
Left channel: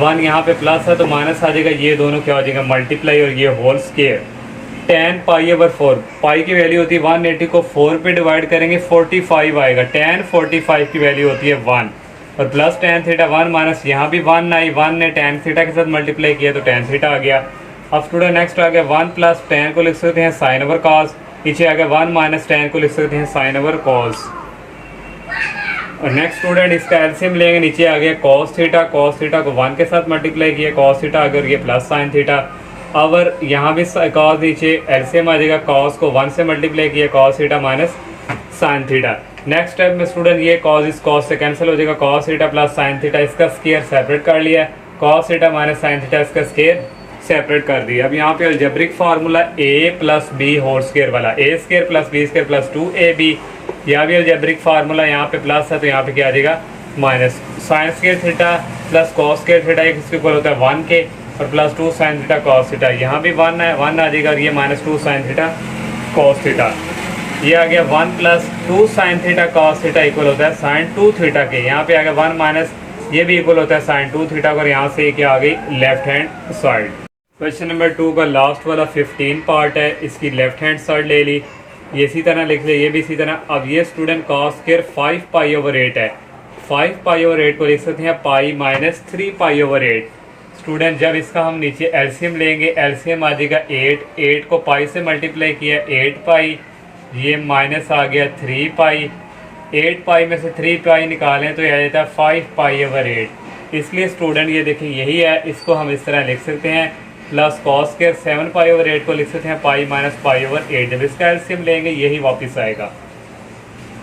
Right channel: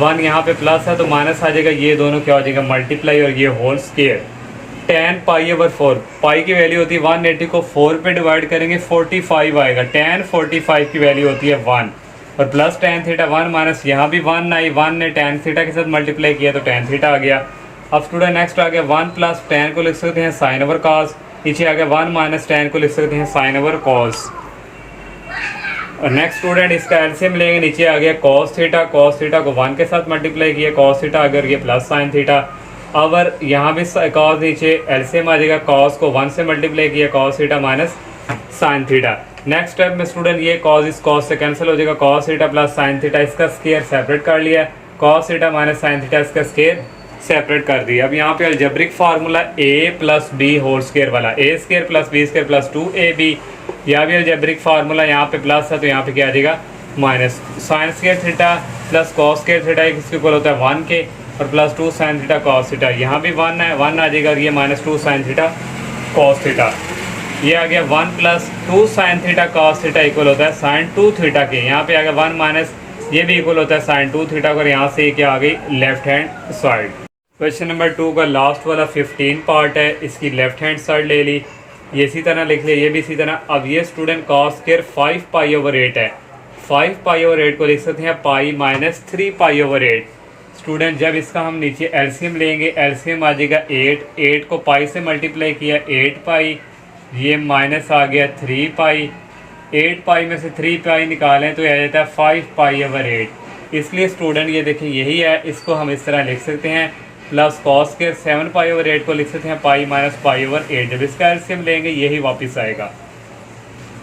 1 यहाँ पे प्लस है तो माइनस आ जाएगा, ये दोनों क्या हो जाएगा मल्टीप्लाई, और ये होल स्केयर। tan पाई/4, पाई की वैल्यू होती है 180 को 4 पे डिवाइड करेंगे 45 आएगा। tan 45 की वैल्यू होती है 1, और प्लस tan थीटा 1 माइनस यहाँ भी 1 आई, 1 ने tan थीटा के साथ मल्टीप्लाई किया तो tan थीटा आ गया। अब स्टूडेंट नेक्स्ट आ गया 1 प्लस tan को लिख सकते हैं साइन ओवर कॉस, नीचे आ गया 1 माइनस tan को लिख सकते हैं साइन ओवर कॉस। और नेक्स्ट स्टूडेंट इसका एलसीएम लेंगे, नीचे आ गया cos थीटा, cos थीटा को 1 के साथ मल्टीप्लाई किया cos थीटा अगर ये प्लस साइन थीटा। अगर यहाँ भी cos नीचे एलसीएम आ जाएगा, cos को 1 से मल्टीप्लाई किया cos theta minus sine theta. Next step में स्टूडेंट ये cos इस cos से कैंसिल हो जाएगा, cos theta plus sine theta, इसका स्केयर सेपरेट कर लिया, cos theta minus sine theta इसका स्केयर सेपरेट कर दिया। अब यहाँ पे algebraic formula a plus B whole square वाला, a square plus B square plus 2ab, यहाँ भी अलजेब्रिक फार्मूला यहाँ पे प्लस है तो यहाँ पे क्या आ जाएगा minus. Sine square theta plus cos square theta इसके इक्वल होता है 1 के, और plus 2 sine theta cos theta, यहाँ भी 1 है 1 आ जाएगा, ये minus 2 sine theta cos theta. ये आ गया 1 plus 2 sine theta cos theta equal होता है साइन 2 थीटा के, यहाँ पे आ गया 1 माइनस ये भी इक्वल होता है साइन 2 थीटा, और यहाँ से क्या आ गई left hand side. Question number 2 का लास्ट वाला 15 पार्ट है, इसकी लेफ्ट हैंड साइड ले ली, ये इसी तरह लिख लिया, ये भी इसी तरह। अब ये स्टूडेंट कॉस स्क्वायर 5 पाई/8 है, 5 पाई/8 को लिख सकते हैं पाई माइनस 3 पाई/8। स्टूडेंट जब इसका हम नीचे एलसीएम लेंगे, एलसीएम आ जाएगा 8 को पाई से मल्टीप्लाई किया 8 पाई, ये माइनस आ गया 3 पाई, 8 पाई में से 3 पाई निकालें तो यह आ जाता है 5 पाई/8। इसलिए स्टूडेंट ये देखिए यही है, इसको हम इस तरह लिख सकते हैं, प्लस कॉस स्क्वायर 7 पाई/8 को लिख सकते हैं पाई माइनस पाई/8। जब इसका एलसीएम लेंगे यही वापस आएगा।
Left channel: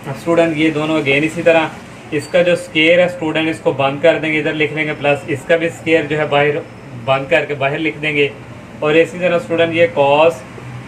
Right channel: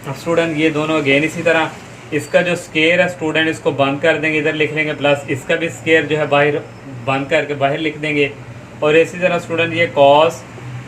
अब स्टूडेंट ये दोनों अगेन इसी तरह, इसका जो स्क्वायर है स्टूडेंट इसको बंद कर देंगे, इधर लिख लेंगे, प्लस इसका भी स्क्वायर जो है बाहर बंद करके बाहर लिख देंगे। और इसी तरह स्टूडेंट ये कॉस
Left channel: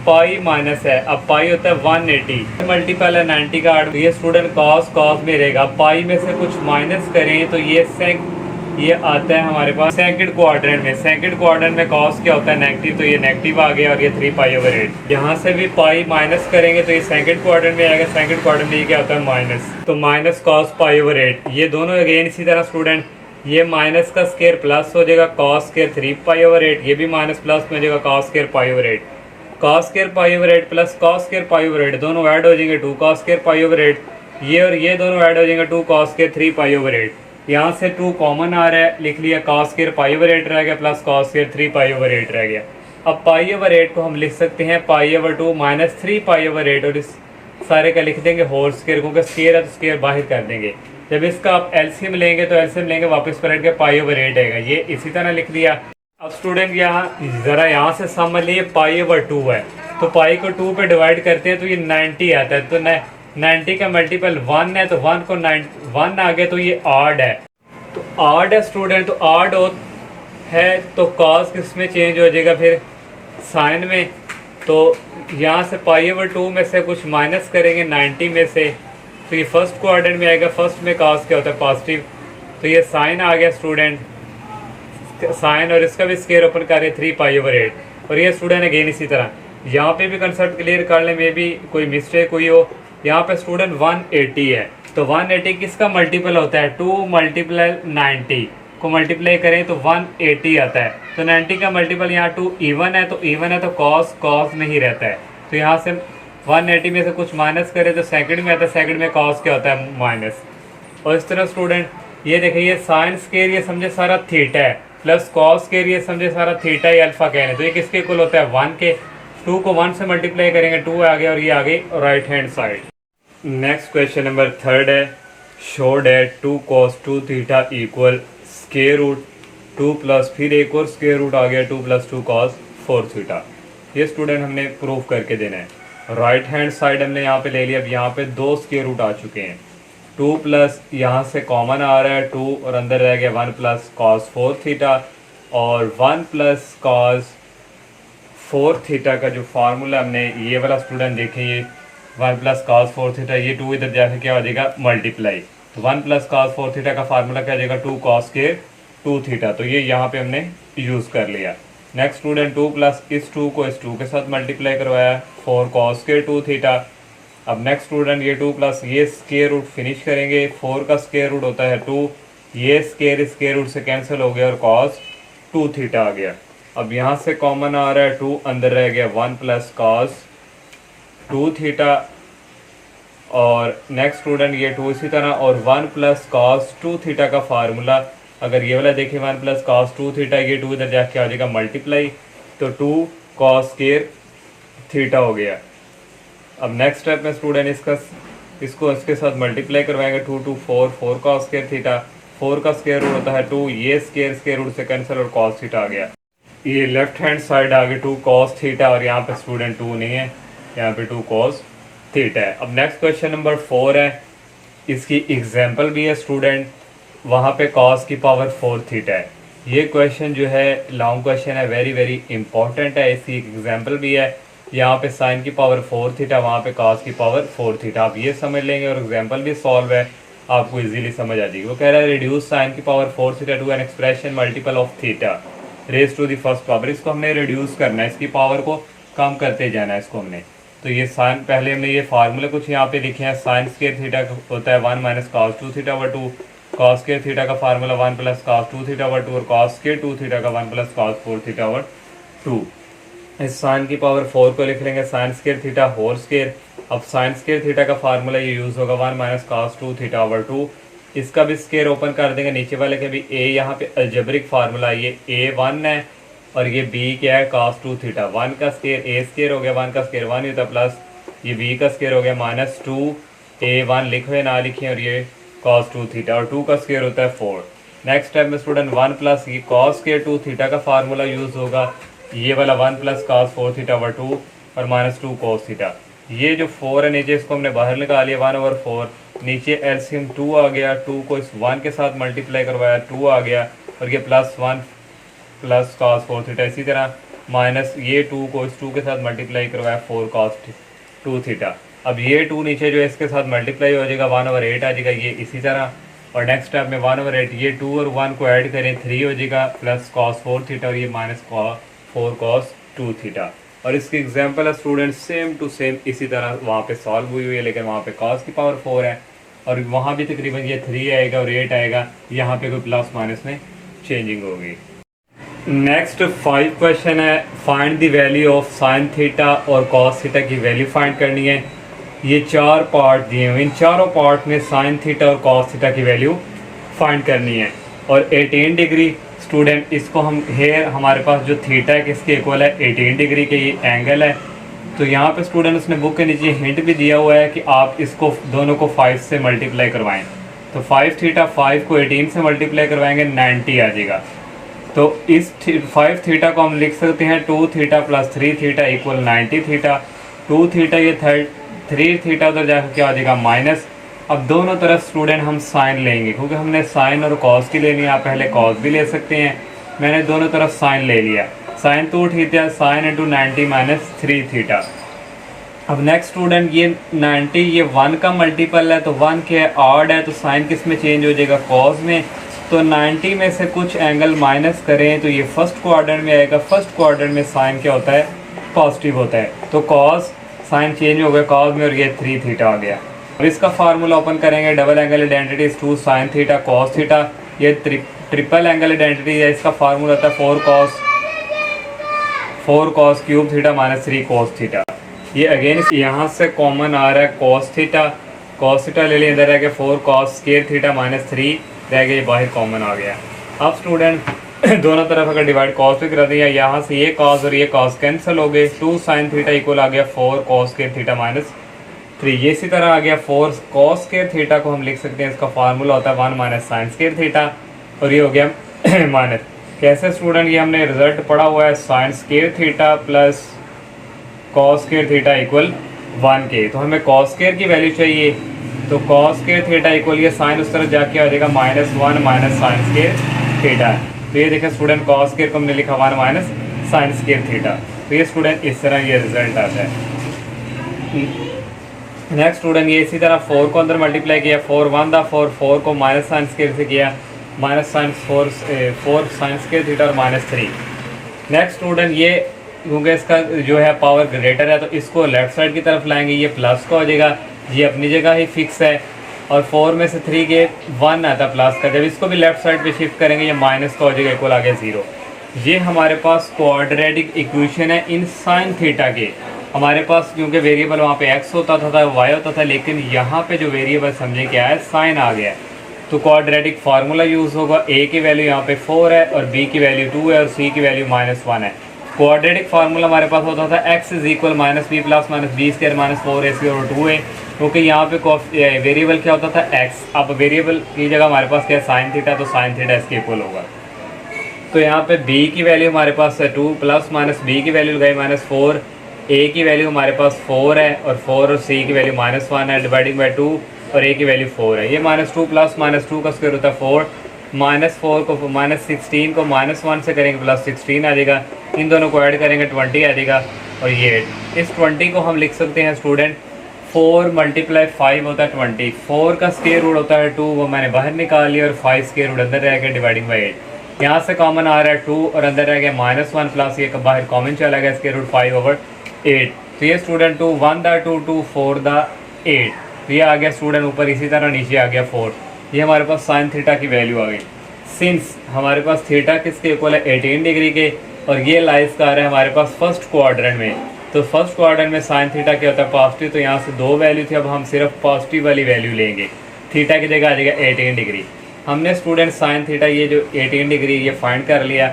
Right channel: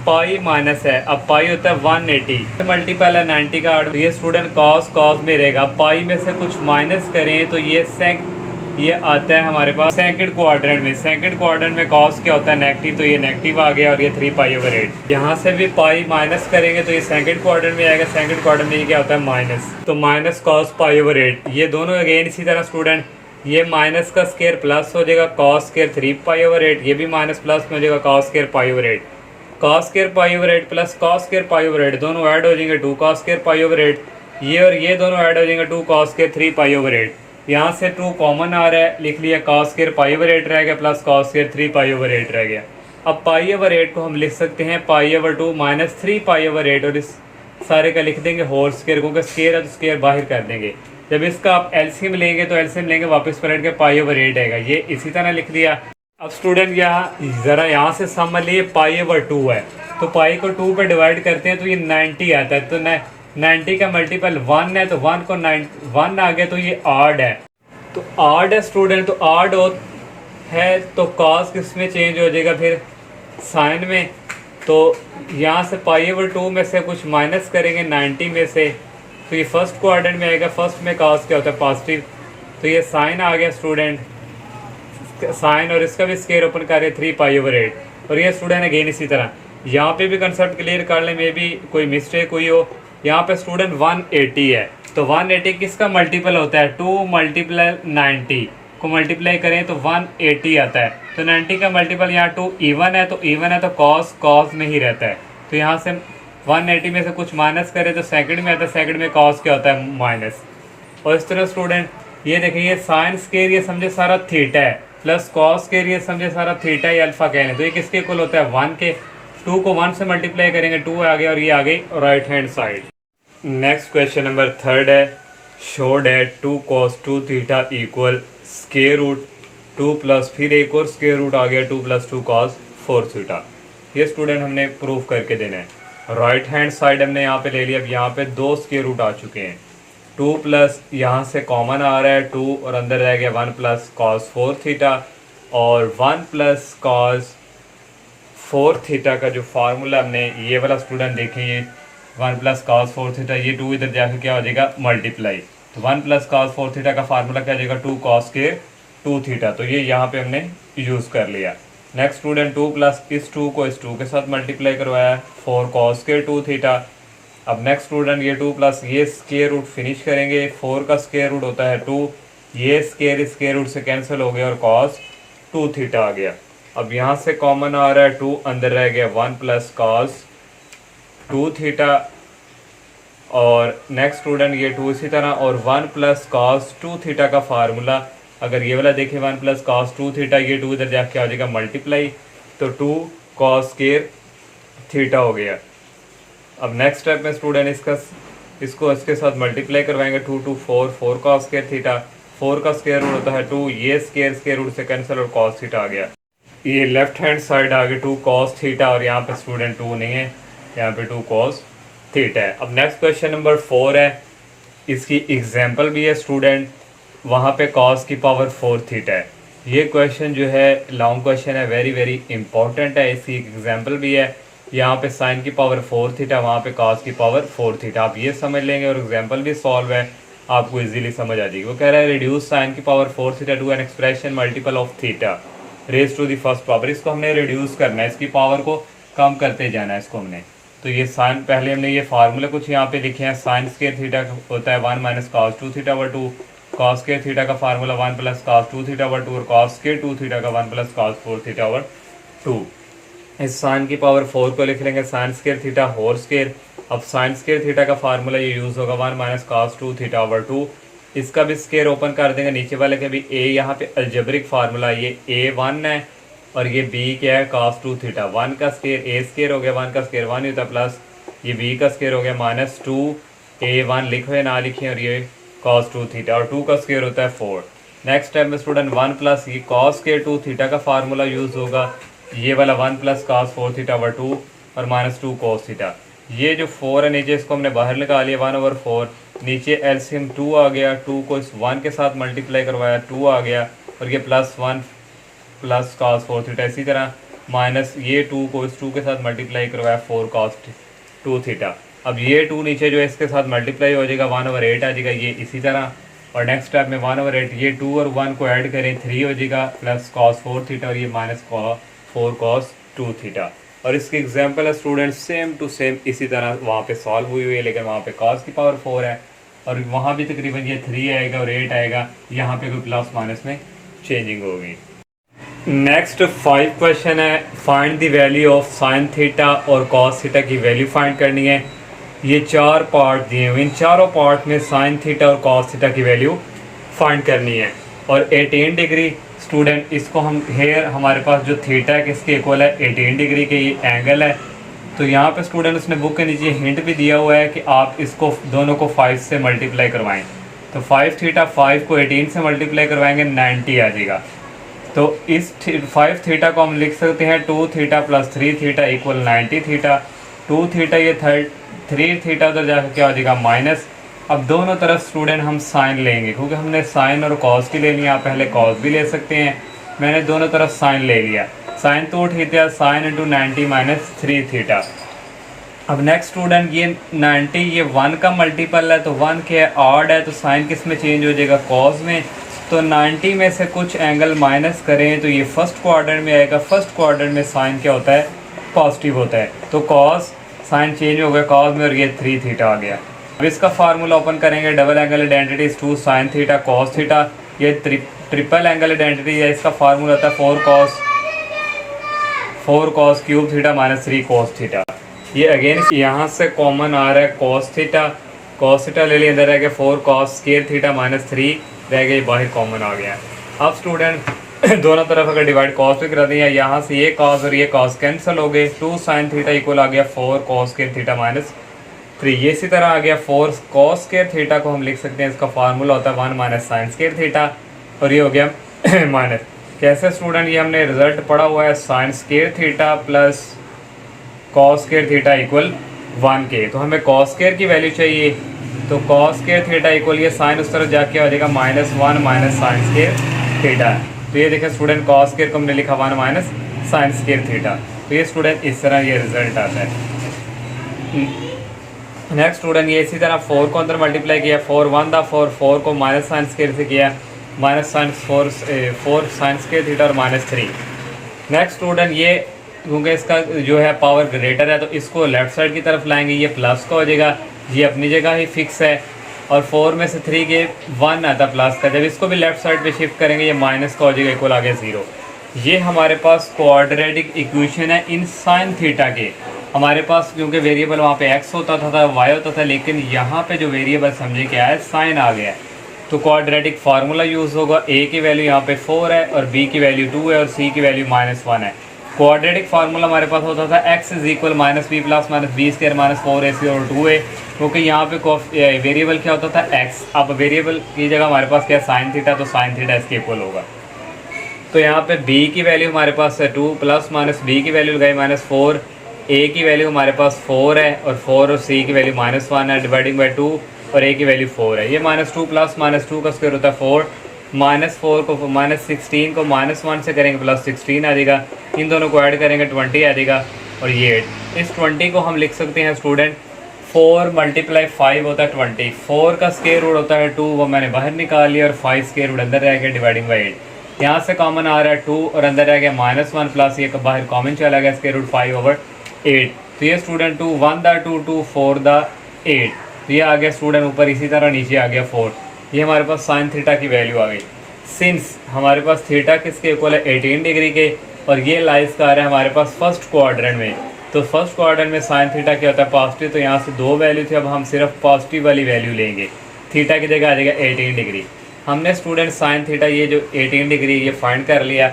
पाई माइनस है, अब पाई होता है 180 मल्टीपल है 90 का 8, तो ये स्टूडेंट कॉस में रहेगा, पाई में से कुछ माइनस करें तो ये आता है हमारे पास सेकंड क्वाड्रेंट में। सेकंड क्वाड्रेंट में कॉस क्या होता है नेगेटिव, तो ये नेगेटिव आ गया, और ये 3 पाई/8। यहाँ से भी पाई माइनस करेंगे तो ये सेकंड क्वाड्रेंट में आएगा, सेकंड क्वाड्रेंट में ये क्या होता है माइनस, तो माइनस कॉस पाई/8। ये दोनों अगेन इसी तरह स्टूडेंट, ये माइनस का स्क्वायर प्लस हो जाएगा कॉस स्क्वायर 3 पाई/8, ये भी माइनस प्लस में हो जाएगा कॉस स्क्वायर पाई/8। कॉस स्क्वायर पाई/8 प्लस कॉस स्क्वायर पाई/8 दोनों ऐड हो जाएंगे 2 कॉस स्क्वायर पाई/8, ये और ये दोनों ऐड हो जाएंगे 2 कॉस स्क्वायर 3 पाई/8। यहाँ से 2 कॉमन आ रहा है, लिख लिया कॉस स्क्वायर पाई/8 रह गया, प्लस कॉस स्क्वायर 3 पाई/8 रह गया। अब पाई/8 को हम लिख सकते हैं पाई/2 माइनस 3 पाई/8, और इस सारे का लिख देंगे होल स्क्वायर, क्योंकि स्क्वायर है तो स्क्वायर बाहर कर देंगे। जब इसका आप एलसीएम लेंगे तो एलसीएम लेंगे वापस पलट के पाई/8 आएगा, ये इसी तरह लिख दिया। अब स्टूडेंट यहाँ जरा यहाँ से समझ लिए पाई/2 है, तो पाई को 2 पे डिवाइड करते हैं तो ये 90 आता है, तो 90 का मल्टीपल 1 है, तो 1 को 1 आ गया, तो ये ऑड है, तो ऑड है स्टूडेंट, तो ऑड है तो कॉस किस में चेंज हो जाएगा फिर साइन में। तो यहाँ से पाई/2 में से कुछ माइनस करेंगे 90 में से, तो ये फर्स्ट क्वाड्रेंट में आएगा, फर्स्ट में कॉस क्या होता है पॉजिटिव, तो ये साइन आ गया स्टूडेंट, साइन, और इसका भी स्क्वायर ओपन करें 3 पाई/8। और ये स्टूडेंट अगेन इसी तरह, यहाँ पे भी कंसेप्ट क्लियर कर लें, मे भी कोई मिस्टेक हुई हो। यहाँ पे स्टूडेंट 180 है, तो 180 किसका मल्टीपल होता है, 2 मल्टीप्लाई 90 को मल्टीप्लाई करें तो 180 आता है, तो 90 का मल्टीपल यहाँ 2 इवन है, तो कॉस में ही रहता है, तो यहाँ से 180 में से कुछ माइनस करें तो सेकंड में आता है, सेकंड में कॉस क्या होता है माइनस। और इस तरह स्टूडेंट ये देखिए, ये साइन स्क्वायर ये समझे सारा थीटा है, प्लस कॉस स्क्वायर ये समझे सारा थीटा या अल्फा कह लें, तो ये किसके इक्वल होता है 1 के। 2 को 1 से मल्टीप्लाई करेंगे 2 आ गया, और ये आ गई right hand side. Next question number 3 है, show that 2 cos 2 theta equal square root 2 plus फिर एक और स्क्वायर रूट आ गया 2 + 2 cos 4 थीटा। ये स्टूडेंट हमने प्रूफ करके देना है। राइट हैंड साइड हमने यहाँ पे ले लिया, अब यहाँ पे 2 स्क्वायर रूट आ चुके हैं, 2 प्लस यहाँ से कॉमन आ रहा है 2 और अंदर रह गया 1 प्लस कॉस 4 थीटा, और 1 प्लस कॉस 4 थीटा का जो फार्मूला हमने ये वाला स्टूडेंट देखें, ये 1 प्लस कॉस 4 थीटा, ये 2 इधर जाके क्या हो जाएगा मल्टीप्लाई, तो 1 प्लस कॉस 4 थीटा का फार्मूला क्या हो जाएगा 2 कॉस स्क्वायर 2 थीटा, तो ये यहाँ पे हमने यूज़ कर लिया। नेक्स्ट स्टूडेंट 2 प्लस इस 2 को इस 2 के साथ मल्टीप्लाई करवाया 4 कॉस स्क्वायर 2 थीटा। अब नेक्स्ट स्टूडेंट ये 2 प्लस ये स्क्वायर रूट फिनिश करेंगे, 4 का स्क्वायर रूट होता है 2, ये स्क्वायर रूट से कैंसिल हो गया और कॉस 2 थीटा आ गया। अब यहाँ से कॉमन आ रहा है 2, अंदर रह गया 1 प्लस कॉस 2 थीटा, और नेक्स्ट स्टूडेंट ये 2 इसी तरह, और 1 प्लस कॉस 2 थीटा का फार्मूला अगर ये वाला देखें 1 प्लस कॉस 2 थीटा, ये 2 इधर जाके आ जाएगा मल्टीप्लाई, तो 2 कॉस स्क्वायर थीटा हो गया। अब नेक्स्ट स्टेप में स्टूडेंट इसको इसके साथ मल्टीप्लाई करवाएंगे 2 2 4 कॉस स्क्वायर थीटा, 4 का स्क्वायर रूट होता है 2, ये स्क्वायर रूट से कैंसिल और कॉस थीटा आ गया। ये लेफ्ट हैंड साइड आ गई 2 कॉस थीटा, और यहाँ पे स्टूडेंट 2 नहीं है, यहाँ पे 2 कॉस थीटा है। अब नेक्स्ट क्वेश्चन नंबर 4 है, इसकी एग्जाम्पल भी है स्टूडेंट, वहाँ पे कॉस की पावर 4 थीटा है। ये क्वेश्चन जो है लॉन्ग क्वेश्चन है, वेरी वेरी इंपॉर्टेंट है, इसकी एग्जाम्पल भी है, यहाँ पे साइन की पावर 4 थीटा, वहाँ पे कॉस की पावर 4 थीटा, आप ये समझ लेंगे और एग्जाम्पल भी सॉल्व है, आपको इजीली समझ आ जाएगी। वो कह रहा है रिड्यूस साइन की power 4 theta to an expression multiple of theta raise to the first power, इसको हमने रिड्यूस करना है, इसकी पावर को कम करते जाना है इसको हमने। तो ये साइन पहले हमने ये फार्मूला कुछ यहाँ पे लिखे हैं, साइन स्क्वायर थीटा होता है 1 minus cos 2 theta over 2, cos square theta का formula 1 plus cos 2 theta over 2, और कॉस स्क्वायर 2 थीटा का 1 प्लस कॉस 4 थीटा ओवर 2। इस साइन की पावर 4 को लिख लेंगे sine square theta whole square. अब साइन स्क्वायर थीटा का फार्मूला ये यूज होगा 1 माइनस कॉस 2 थीटा ओवर 2, इसका भी स्क्वायर ओपन कर देंगे, नीचे वाले के भी ए, यहाँ पे अलजेब्रिक फार्मूला ये A1 है और ये B क्या है cos 2 थीटा, 1 का स्क्वायर A स्क्वायर हो गया, 1 का स्क्वायर 1 होता है, प्लस ये B का स्क्वायर हो गया माइनस 2 A1 लिखे ना लिखे, और ये cos 2 थीटा, और 2 का स्क्वायर होता है 4। नेक्स्ट स्टेप में स्टूडेंट 1 प्लस ये cos स्क्वायर 2 थीटा का फार्मूला यूज होगा, ये वाला 1 प्लस cos 4 थीटा ओवर 2 और माइनस 2 cos थीटा। ये जो 4 है नीचे इसको हमने बाहर निकाल लिया 1 ओवर 4, नीचे एलसीएम 2 आ गया, 2 को इस 1 के साथ मल्टीप्लाई करवाया 2 आ गया, और ये प्लस 1 प्लस cos 4 थीटा, इसी तरह माइनस ये 2 को इस 2 के साथ मल्टीप्लाई करवाया 4 cos 2 थीटा। अब ये 2 नीचे जो है इसके साथ मल्टीप्लाई हो जाएगा 1 ओवर 8 आ जाएगा, ये इसी तरह, और नेक्स्ट स्टेप में 1 ओवर 8 ये 2 और 1 को ऐड करें 3 हो जाएगा, प्लस cos 4 थीटा, और ये माइनस 4 cos 2 थीटा। और इसकी एग्जांपल है स्टूडेंट सेम टू सेम इसी तरह वहाँ पे सॉल्व हुई है, लेकिन वहाँ पे cos की पावर 4 है, और वहाँ भी तकरीबन ये 3 आएगा और 8 आएगा, यहाँ पे कोई प्लस माइनस में चेंजिंग होगी। नेक्स्ट 5 क्वेश्चन है, find the value of sine theta और कॉस थीटा की वैल्यू फाइंड करनी है। ये 4 पार्ट दिए हुए, इन चारों पार्ट में साइन थीटा और कॉस थीटा की वैल्यू फाइंड करनी है। और 18 डिग्री स्टूडेंट, इसको हम हेयर हमारे पास जो थीटा है किसके इक्वल है 18 डिग्री के, ये एंगल है। तो यहाँ पे स्टूडेंट उसने बुक के नीचे हिंट भी दिया हुआ है कि आप इसको दोनों को 5 से मल्टीप्लाई करवाएं, तो 5 थीटा 5 को 18 से मल्टीप्लाई करवाएंगे 90 आ जाएगा। तो इस 5 थीटा को हम लिख सकते हैं 2 theta plus 3 theta equal 90 theta, 2 theta ये 3 थीटा उधर जाकर क्या हो जाएगा माइनस। अब दोनों तरफ स्टूडेंट हम साइन लेंगे, क्योंकि हमने साइन और कॉस की ले लिया, आप पहले कॉस भी ले सकते हैं, मैंने दोनों तरफ साइन ले लिया, sine 2 theta sine into 90 minus 3 theta. अब नेक्स्ट स्टूडेंट ये 90 ये 1 का मल्टीपल है, तो 1 के ऑड है, तो साइन किस में चेंज हो जाएगा कॉस में। तो 90 में से कुछ एंगल माइनस करें तो ये फर्स्ट क्वाड्रेंट में आएगा, फर्स्ट क्वाड्रेंट में साइन क्या होता है पॉजिटिव होता है, तो कॉस साइन चेंज हो गया कॉस में, और ये 3 थीटा आ गया। अब इसका फार्मूला ओपन करेंगे, double angle identity 2 sine theta cos theta, ये ट्रिपल एंगल आइडेंटिटी है, इसका फार्मूला था 4 cos cube theta minus 3 cos theta. ये अगेन यहाँ से कॉमन आ रहा है कॉस थीटा ले लिया, अंदर रह गया 4 कॉस स्क्वायर थीटा माइनस 3 रह गया, बाहर कॉमन आ गया। अब स्टूडेंट दोनों तरफ अगर डिवाइड कॉस भी करा दिया, यहाँ से ये कॉस और ये कॉस कैंसिल हो गए, 2 साइन थीटा इक्वल आ गया 4 कॉस स्क्वायर थीटा माइनस 3, ये इसी तरह आ गया 4 कॉस स्क्वायर थीटा को हम लिख सकते हैं, इसका फार्मूला होता है 1 माइनस साइन स्क्वायर थीटा, और ये हो गया माइनस। कैसे स्टूडेंट, ये हमने रिजल्ट पढ़ा हुआ है sign square theta plus cos square theta equal 1 के, तो हमें कॉस स्क्वायर की वैल्यू चाहिए, तो कॉस स्क्वायर थीटा इक्वल ये साइन उस तरफ जाके आ जाएगा -1 माइनस साइन स्क्वायर थीटा। तो ये देखें स्टूडेंट कॉस स्क्वायर को हमने लिखा 1 माइनस साइन स्क्वायर थीटा। तो ये स्टूडेंट इस तरह ये रिजल्ट आता है। नेक्स्ट स्टूडेंट ये इसी तरह 4 को अंदर मल्टीप्लाई किया, 4 1 था 4 को माइनस साइन स्क्वायर से किया, minus sine 4 sine square theta और -3। नेक्स्ट स्टूडेंट ये क्योंकि इसका जो है पावर ग्रेटर है तो इसको लेफ्ट साइड की तरफ लाएंगे, ये प्लस का हो जाएगा, ये अपनी जगह ही फिक्स है। और 4 में से 3 के 1 आता प्लस का, जब इसको भी लेफ्ट साइड पे शिफ्ट करेंगे ये माइनस का हो जाएगा, इक्वल आ गया 0। ये हमारे पास क्वाड्रेटिक इक्वेशन है इन साइन थीटा के। हमारे पास क्योंकि वेरिएबल वहाँ पे x होता था y होता था, लेकिन यहाँ पे जो वेरिएबल समझे क्या है साइन आ गया है, तो क्वाड्रेटिक फार्मूला यूज़ होगा। a की वैल्यू यहाँ पे 4 है और b की वैल्यू 2 है और c की वैल्यू -1 है। क्वाड्रेटिक फार्मूला हमारे पास होता था x is equal -b plus -b square -4ac और 2a, क्योंकि यहाँ पे वेरिएबल क्या होता था x। अब वेरिएबल की जगह हमारे पास क्या है साइन थीटा, तो साइन थीटा इसके इक्वल होगा। तो यहाँ पे b की वैल्यू हमारे पास है 2 प्लस -b की वैल्यू लगाई -4, a की वैल्यू हमारे पास 4 है और 4 और c की वैल्यू -1 है, डिवाइडिंग बाई 2 और a की वैल्यू 4 है। ये -2 प्लस -2 का स्क्वायर होता है 4, -4 को -16 को -1 से करेंगे प्लस 16 आ जाएगा, इन दोनों को ऐड करेंगे 20 आ जाएगा और ये 8। इस 20 को हम लिख सकते हैं स्टूडेंट 4 × 5 होता है 20, 4 का स्क्वायर रूट होता है 2, वो मैंने बाहर निकाल लिया और 5 स्क्वायर रूट अंदर रह गया डिवाइडिंग बाई 8। यहाँ से कॉमन आ रहा है 2 और अंदर रह गया -1 प्लस ये बाहर कॉमन चला गया स्क्वायर रूट 5/8। तो ये स्टूडेंट 2 1 दा 2 2 4 दा 8, तो ये आ गया स्टूडेंट ऊपर, इसी तरह नीचे आ गया 4। ये हमारे पास साइन थीटा की वैल्यू आ गई। सिंस हमारे पास थीटा किसके इक्वल है 18 डिग्री के और ये लाइज का आ रहा है हमारे पास फर्स्ट क्वाड्रेंट में, तो फर्स्ट क्वाड्रेंट में साइन थीटा क्या होता है पॉजिटिव, तो यहाँ से 2 वैल्यू थी, अब हम सिर्फ पॉजिटिव वाली वैल्यू लेंगे, थीटा की जगह आ जाएगा 18 डिग्री। हमने स्टूडेंट साइन थीटा ये जो 18 डिग्री ये फाइंड कर लिया,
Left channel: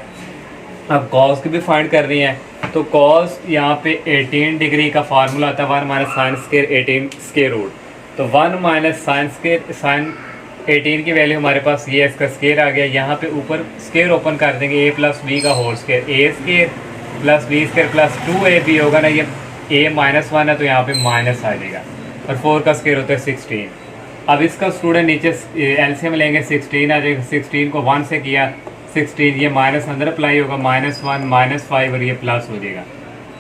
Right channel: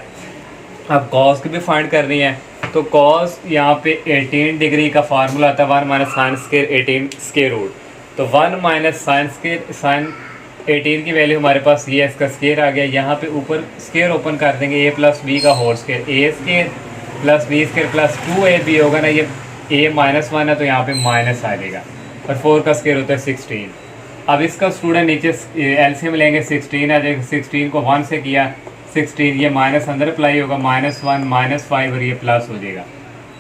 अब कॉस की भी फाइंड करनी है। तो कॉस यहाँ पे 18 डिग्री का फार्मूला आता है 1 minus sine square 18 square root, तो 1 माइनस साइन स्क्वायर साइन 18 की वैल्यू हमारे पास ये इसका स्क्वायर आ गया। यहाँ पे ऊपर स्क्वायर ओपन कर देंगे a प्लस बी का whole square, a square plus B square plus 2ab होगा ना, ये a -1 है तो यहाँ पे माइनस आ जाएगा और 4 का स्क्वायर होता है 16। अब इसका स्टूडेंट नीचे एलसीएम लेंगे 16 आ जाएगा, 16 को 1 से किया 16, ये माइनस अंदर अप्लाई होगा -1 -5 और ये प्लस हो जाएगा।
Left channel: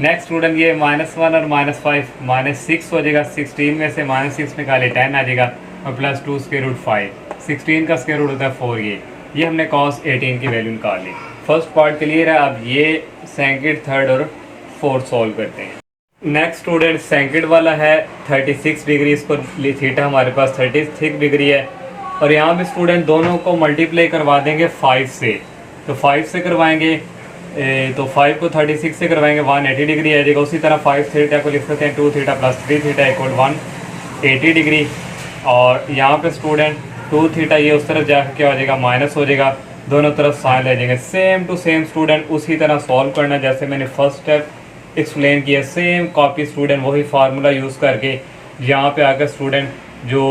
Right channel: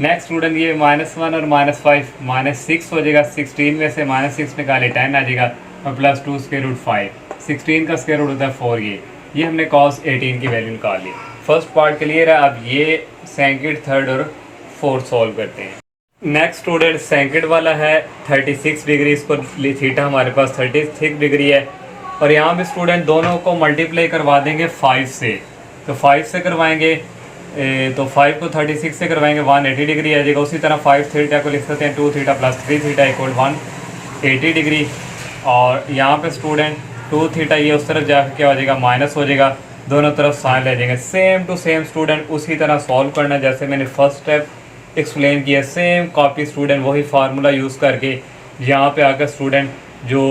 नेक्स्ट स्टूडेंट ये -1 और -5 -6 हो जाएगा, 16 में से -6 निकाले 10 आ जाएगा और प्लस 2 स्क्वायर रूट 5, 16 का स्क्वायर रूट होता है 4। ये हमने कॉस 18 की वैल्यू निकाल ली। फर्स्ट पार्ट क्लियर है। अब ये सेकंड, थर्ड और फोर्थ सॉल्व करते हैं। नेक्स्ट स्टूडेंट सेकंड वाला है 36 डिग्री, इसको थीटा हमारे पास 36 डिग्री है और यहाँ पे स्टूडेंट दोनों को मल्टीप्लाई करवा देंगे 5 से, तो 5 से करवाएंगे तो 5 को 36 से करवाएंगे 180 डिग्री आ जाएगा। उसी तरह 5 थीटा को लिख सकते हैं 2 theta plus 3 theta equal 180 degree. और यहाँ पे स्टूडेंट 2 थीटा ये उस तरफ जाकर क्या हो जाएगा माइनस हो जाएगा, दोनों तरफ साइन रह जाएंगे। सेम टू सेम स्टूडेंट उसी तरह सॉल्व करना जैसे मैंने फर्स्ट स्टेप एक्सप्लेन किया, सेम कॉपी स्टूडेंट वही फार्मूला यूज़ करके यहाँ पे आकर स्टूडेंट जो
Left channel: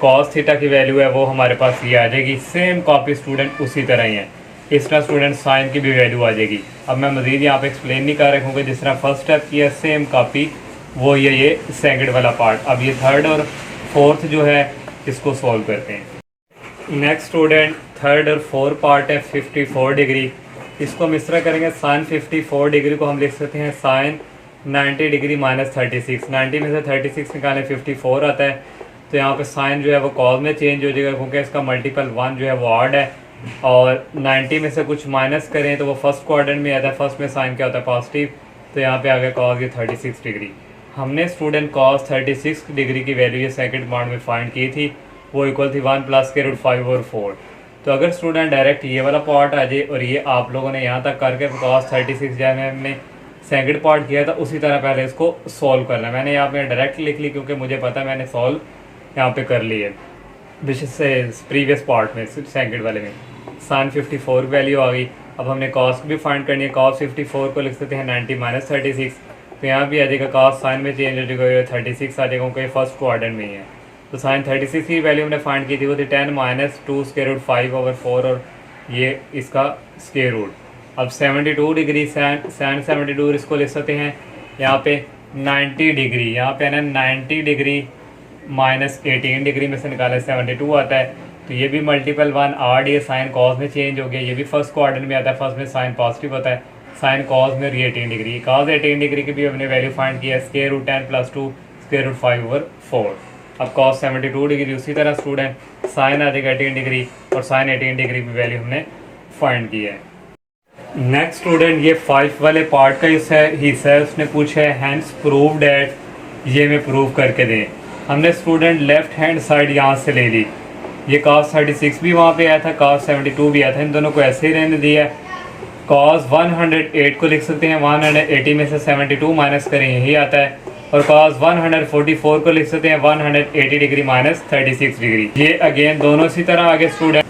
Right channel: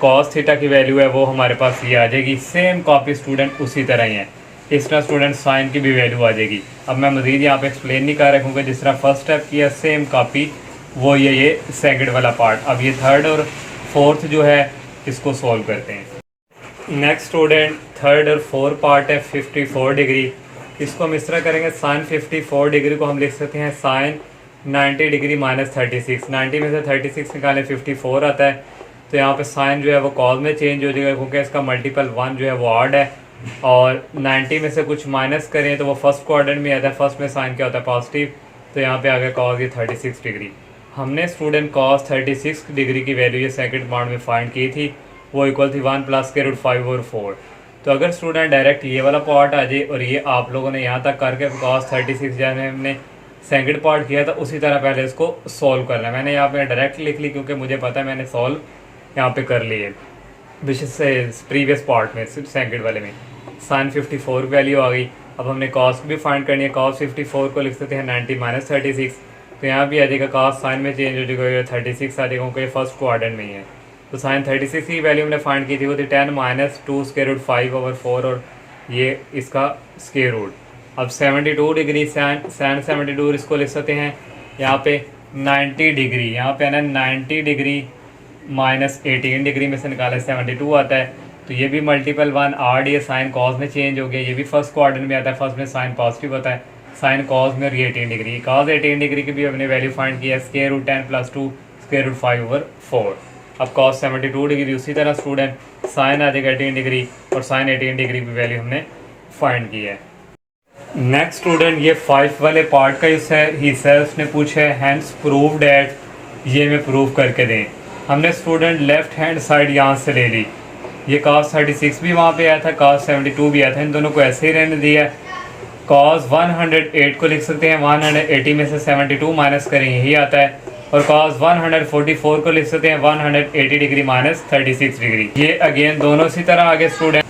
कॉस थीटा की वैल्यू है वो हमारे पास ये आ जाएगी। सेम कॉपी स्टूडेंट उसी तरह ही है, इस तरह स्टूडेंट साइन की भी वैल्यू आ जाएगी। अब मैं मज़ीद यहाँ पे एक्सप्लेन नहीं कर रखूँगा, जिस तरह फर्स्ट स्टेप किया सेम कॉपी वो ये सेकंड वाला पार्ट। अब ये थर्ड और फोर्थ जो है इसको सॉल्व करते हैं। नेक्स्ट स्टूडेंट थर्ड और फोर्थ पार्ट है 54 डिग्री, इसको हम इस तरह करेंगे साइन 54 डिग्री को हम लिख सकते हैं साइन 90 डिग्री माइनस 36। 90 में से 36 निकालें 54 आता है, तो यहाँ पे साइन जो है वो कॉस में चेंज हो जाएगा क्योंकि इसका मल्टीपल 1 जो है वो ऑड है। और 90 में से कुछ माइनस करें तो वो फर्स्ट क्वाड्रेंट में आता है, फर्स्ट में साइन क्या होता है पॉजिटिव, तो यहाँ पे आ गया कॉस ये 36 डिग्री। हमने स्टूडेंट कॉस 36 डिग्री की वैल्यू ये सेकंड पार्ट में फाइंड की थी, वो इक्वल थी 1 प्लस के रूट 5 और 4। तो अगर स्टूडेंट डायरेक्ट ये वाला पार्ट आ जाए और ये आप लोगों ने यहाँ तक करके कॉस 36 जैसे हमने सेकंड पार्ट किया था उसी तरह पहले इसको सॉल्व करना है। मैंने यहाँ पे डायरेक्ट लिख ली क्योंकि मुझे पता है मैंने सॉल्व यहाँ पे कर ली है प्रीवियस पार्ट में, सिर्फ सेकंड वाले में साइन 54 वैल्यू आ गई। अब हमने कॉस भी फाइंड करनी है, कॉस 54 को लिख सकते हैं 90 माइनस 36, तो यहाँ भी आ जाएगा कॉस साइन में चेंज हो जाएगा 36 आ जाएगा क्योंकि फर्स्ट क्वाड्रेंट में ही है। तो साइन 36 की वैल्यू हमने फाइंड की थी वो थी 10 माइनस 2 स्क्वायर रूट 5 ओवर 4 और ये इसका स्क्वायर रूट। अब 72 डिग्री सैन 72 इसको लिख सकते हैं यहाँ पे 90 डिग्री, यहाँ पे है ना 90 डिग्री माइनस 18 डिग्री में से निकाले 72 आता है। तो ये भी मल्टीपल 1 आड, ये साइन कॉस में चेंज हो गया। ये भी फर्स्ट क्वाड्रेंट में आता है, फर्स्ट में साइन पॉजिटिव होता है, साइन कॉस में 18 डिग्री। कॉस 18 डिग्री की भी हमने वैल्यू फाइंड किया, square root 10 plus 2 square root 5/4। अब कॉस 72 डिग्री, उसी तरह स्टूडेंट साइन आ जाएगा 18 डिग्री, और साइन 18 डिग्री की वैल्यू हमने फाइंड की है। नेक्स्ट स्टूडेंट ये 5 वाले पार्ट का हिस्सा है, उसने पूछा है हैंस प्रूव डैट, ये मैं प्रूव करके दें। हमने स्टूडेंट लेफ्ट हैंड साइड यहाँ से ले ली, ये cos 36 भी वहाँ पे आया था, cos 72 भी आया था, इन दोनों को ऐसे ही रहने दिया है। cos 108 को लिख सकते हैं, 180 में से 72 माइनस करें यही आता है, और cos 144 को लिख सकते हैं 180 डिग्री माइनस 36 डिग्री। ये अगेन दोनों इसी तरह आगे स्टूडेंट।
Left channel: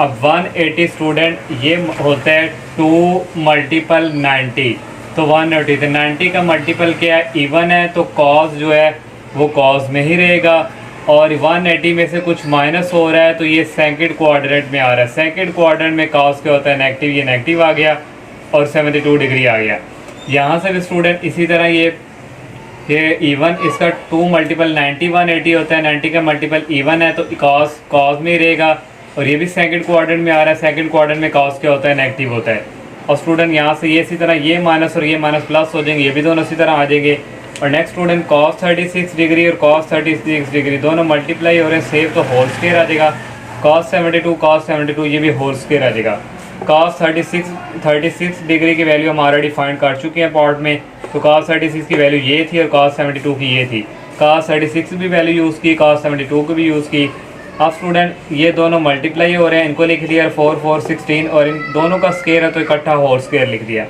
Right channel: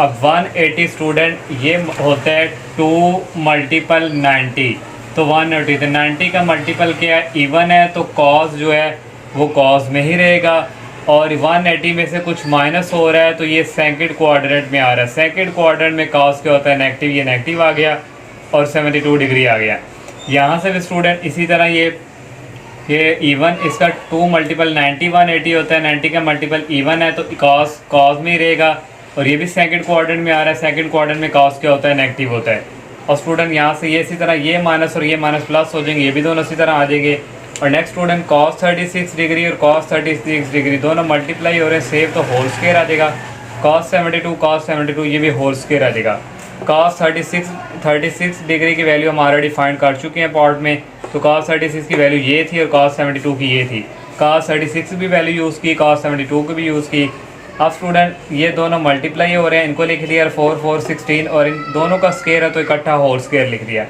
अब 180 स्टूडेंट ये होता है 2 मल्टीपल 90, तो 180 तो 90 का मल्टीपल क्या है, इवन है, तो cos जो है वो cos में ही रहेगा, और 180 में से कुछ माइनस हो रहा है तो ये सेकंड क्वाड्रेंट में आ रहा है। सेकंड क्वाड्रेंट में cos क्या होता है, नेगेटिव, ये नेगेटिव आ गया और 72 डिग्री आ गया। यहाँ से भी स्टूडेंट इसी तरह ये इवन, इसका 2 मल्टीपल 90 180 होता है, 90 का मल्टीपल इवन है तो cos में ही रहेगा, और ये भी सेकंड क्वाड्रेंट में आ रहा है, सेकंड क्वाड्रेंट में cos क्या होता है, नेगेटिव होता है। और स्टूडेंट यहाँ से ये इसी तरह ये माइनस और ये माइनस प्लस हो जाएंगे, ये भी दोनों इसी तरह आ जाएंगे। और नेक्स्ट स्टूडेंट cos 36 डिग्री और cos 36 डिग्री दोनों मल्टीप्लाई हो रहे हैं सेव, तो होल स्क्वायर आ जाएगा। cos 72 ये भी होल स्क्वायर आ जाएगा। cos 36 डिग्री की वैल्यू हम ऑलरेडी फाइंड कर चुके हैं पार्ट में, तो cos 36 की वैल्यू ये थी और cos 72 की ये थी। cos 36 की भी वैल्यू यूज़ की, cos 72 की भी यूज़ की। अब स्टूडेंट ये दोनों मल्टीप्लाई हो रहे हैं, इनको लिख दिया 4 4 16, और इन दोनों का स्क्वायर है तो इकट्ठा होल स्क्वायर लिख दिया।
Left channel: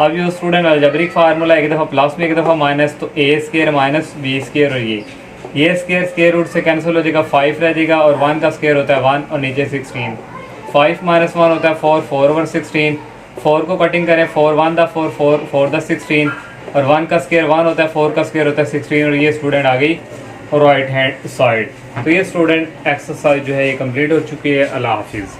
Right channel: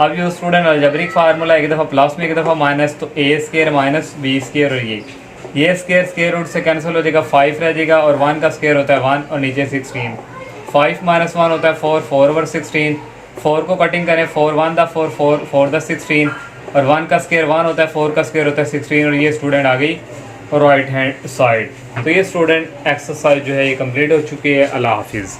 अब ये स्टूडेंट अलजेब्रिक फार्मूला, एक दफ़ा प्लस में एक दफ़ा माइनस, तो a square minus b square, और ये स्क्वायर रूट से कैंसिल हो जाएगा, 5 रह जाएगा, और 1 का स्क्वायर होता है 1 और नीचे 16। 5 माइनस 1 होता है 4, 4/16, 4 को कटिंग करें, 4 1 दा 4 4 4 दा 16, और 1 का स्क्वायर 1 होता है, 4 का स्क्वायर होता है 16, और ये स्टूडेंट आ गई राइट हैंड साइड। तो ये स्टूडेंट एक्सरसाइज जो है ये कंप्लीट हो चुकी है। अल्लाह हाफिज़।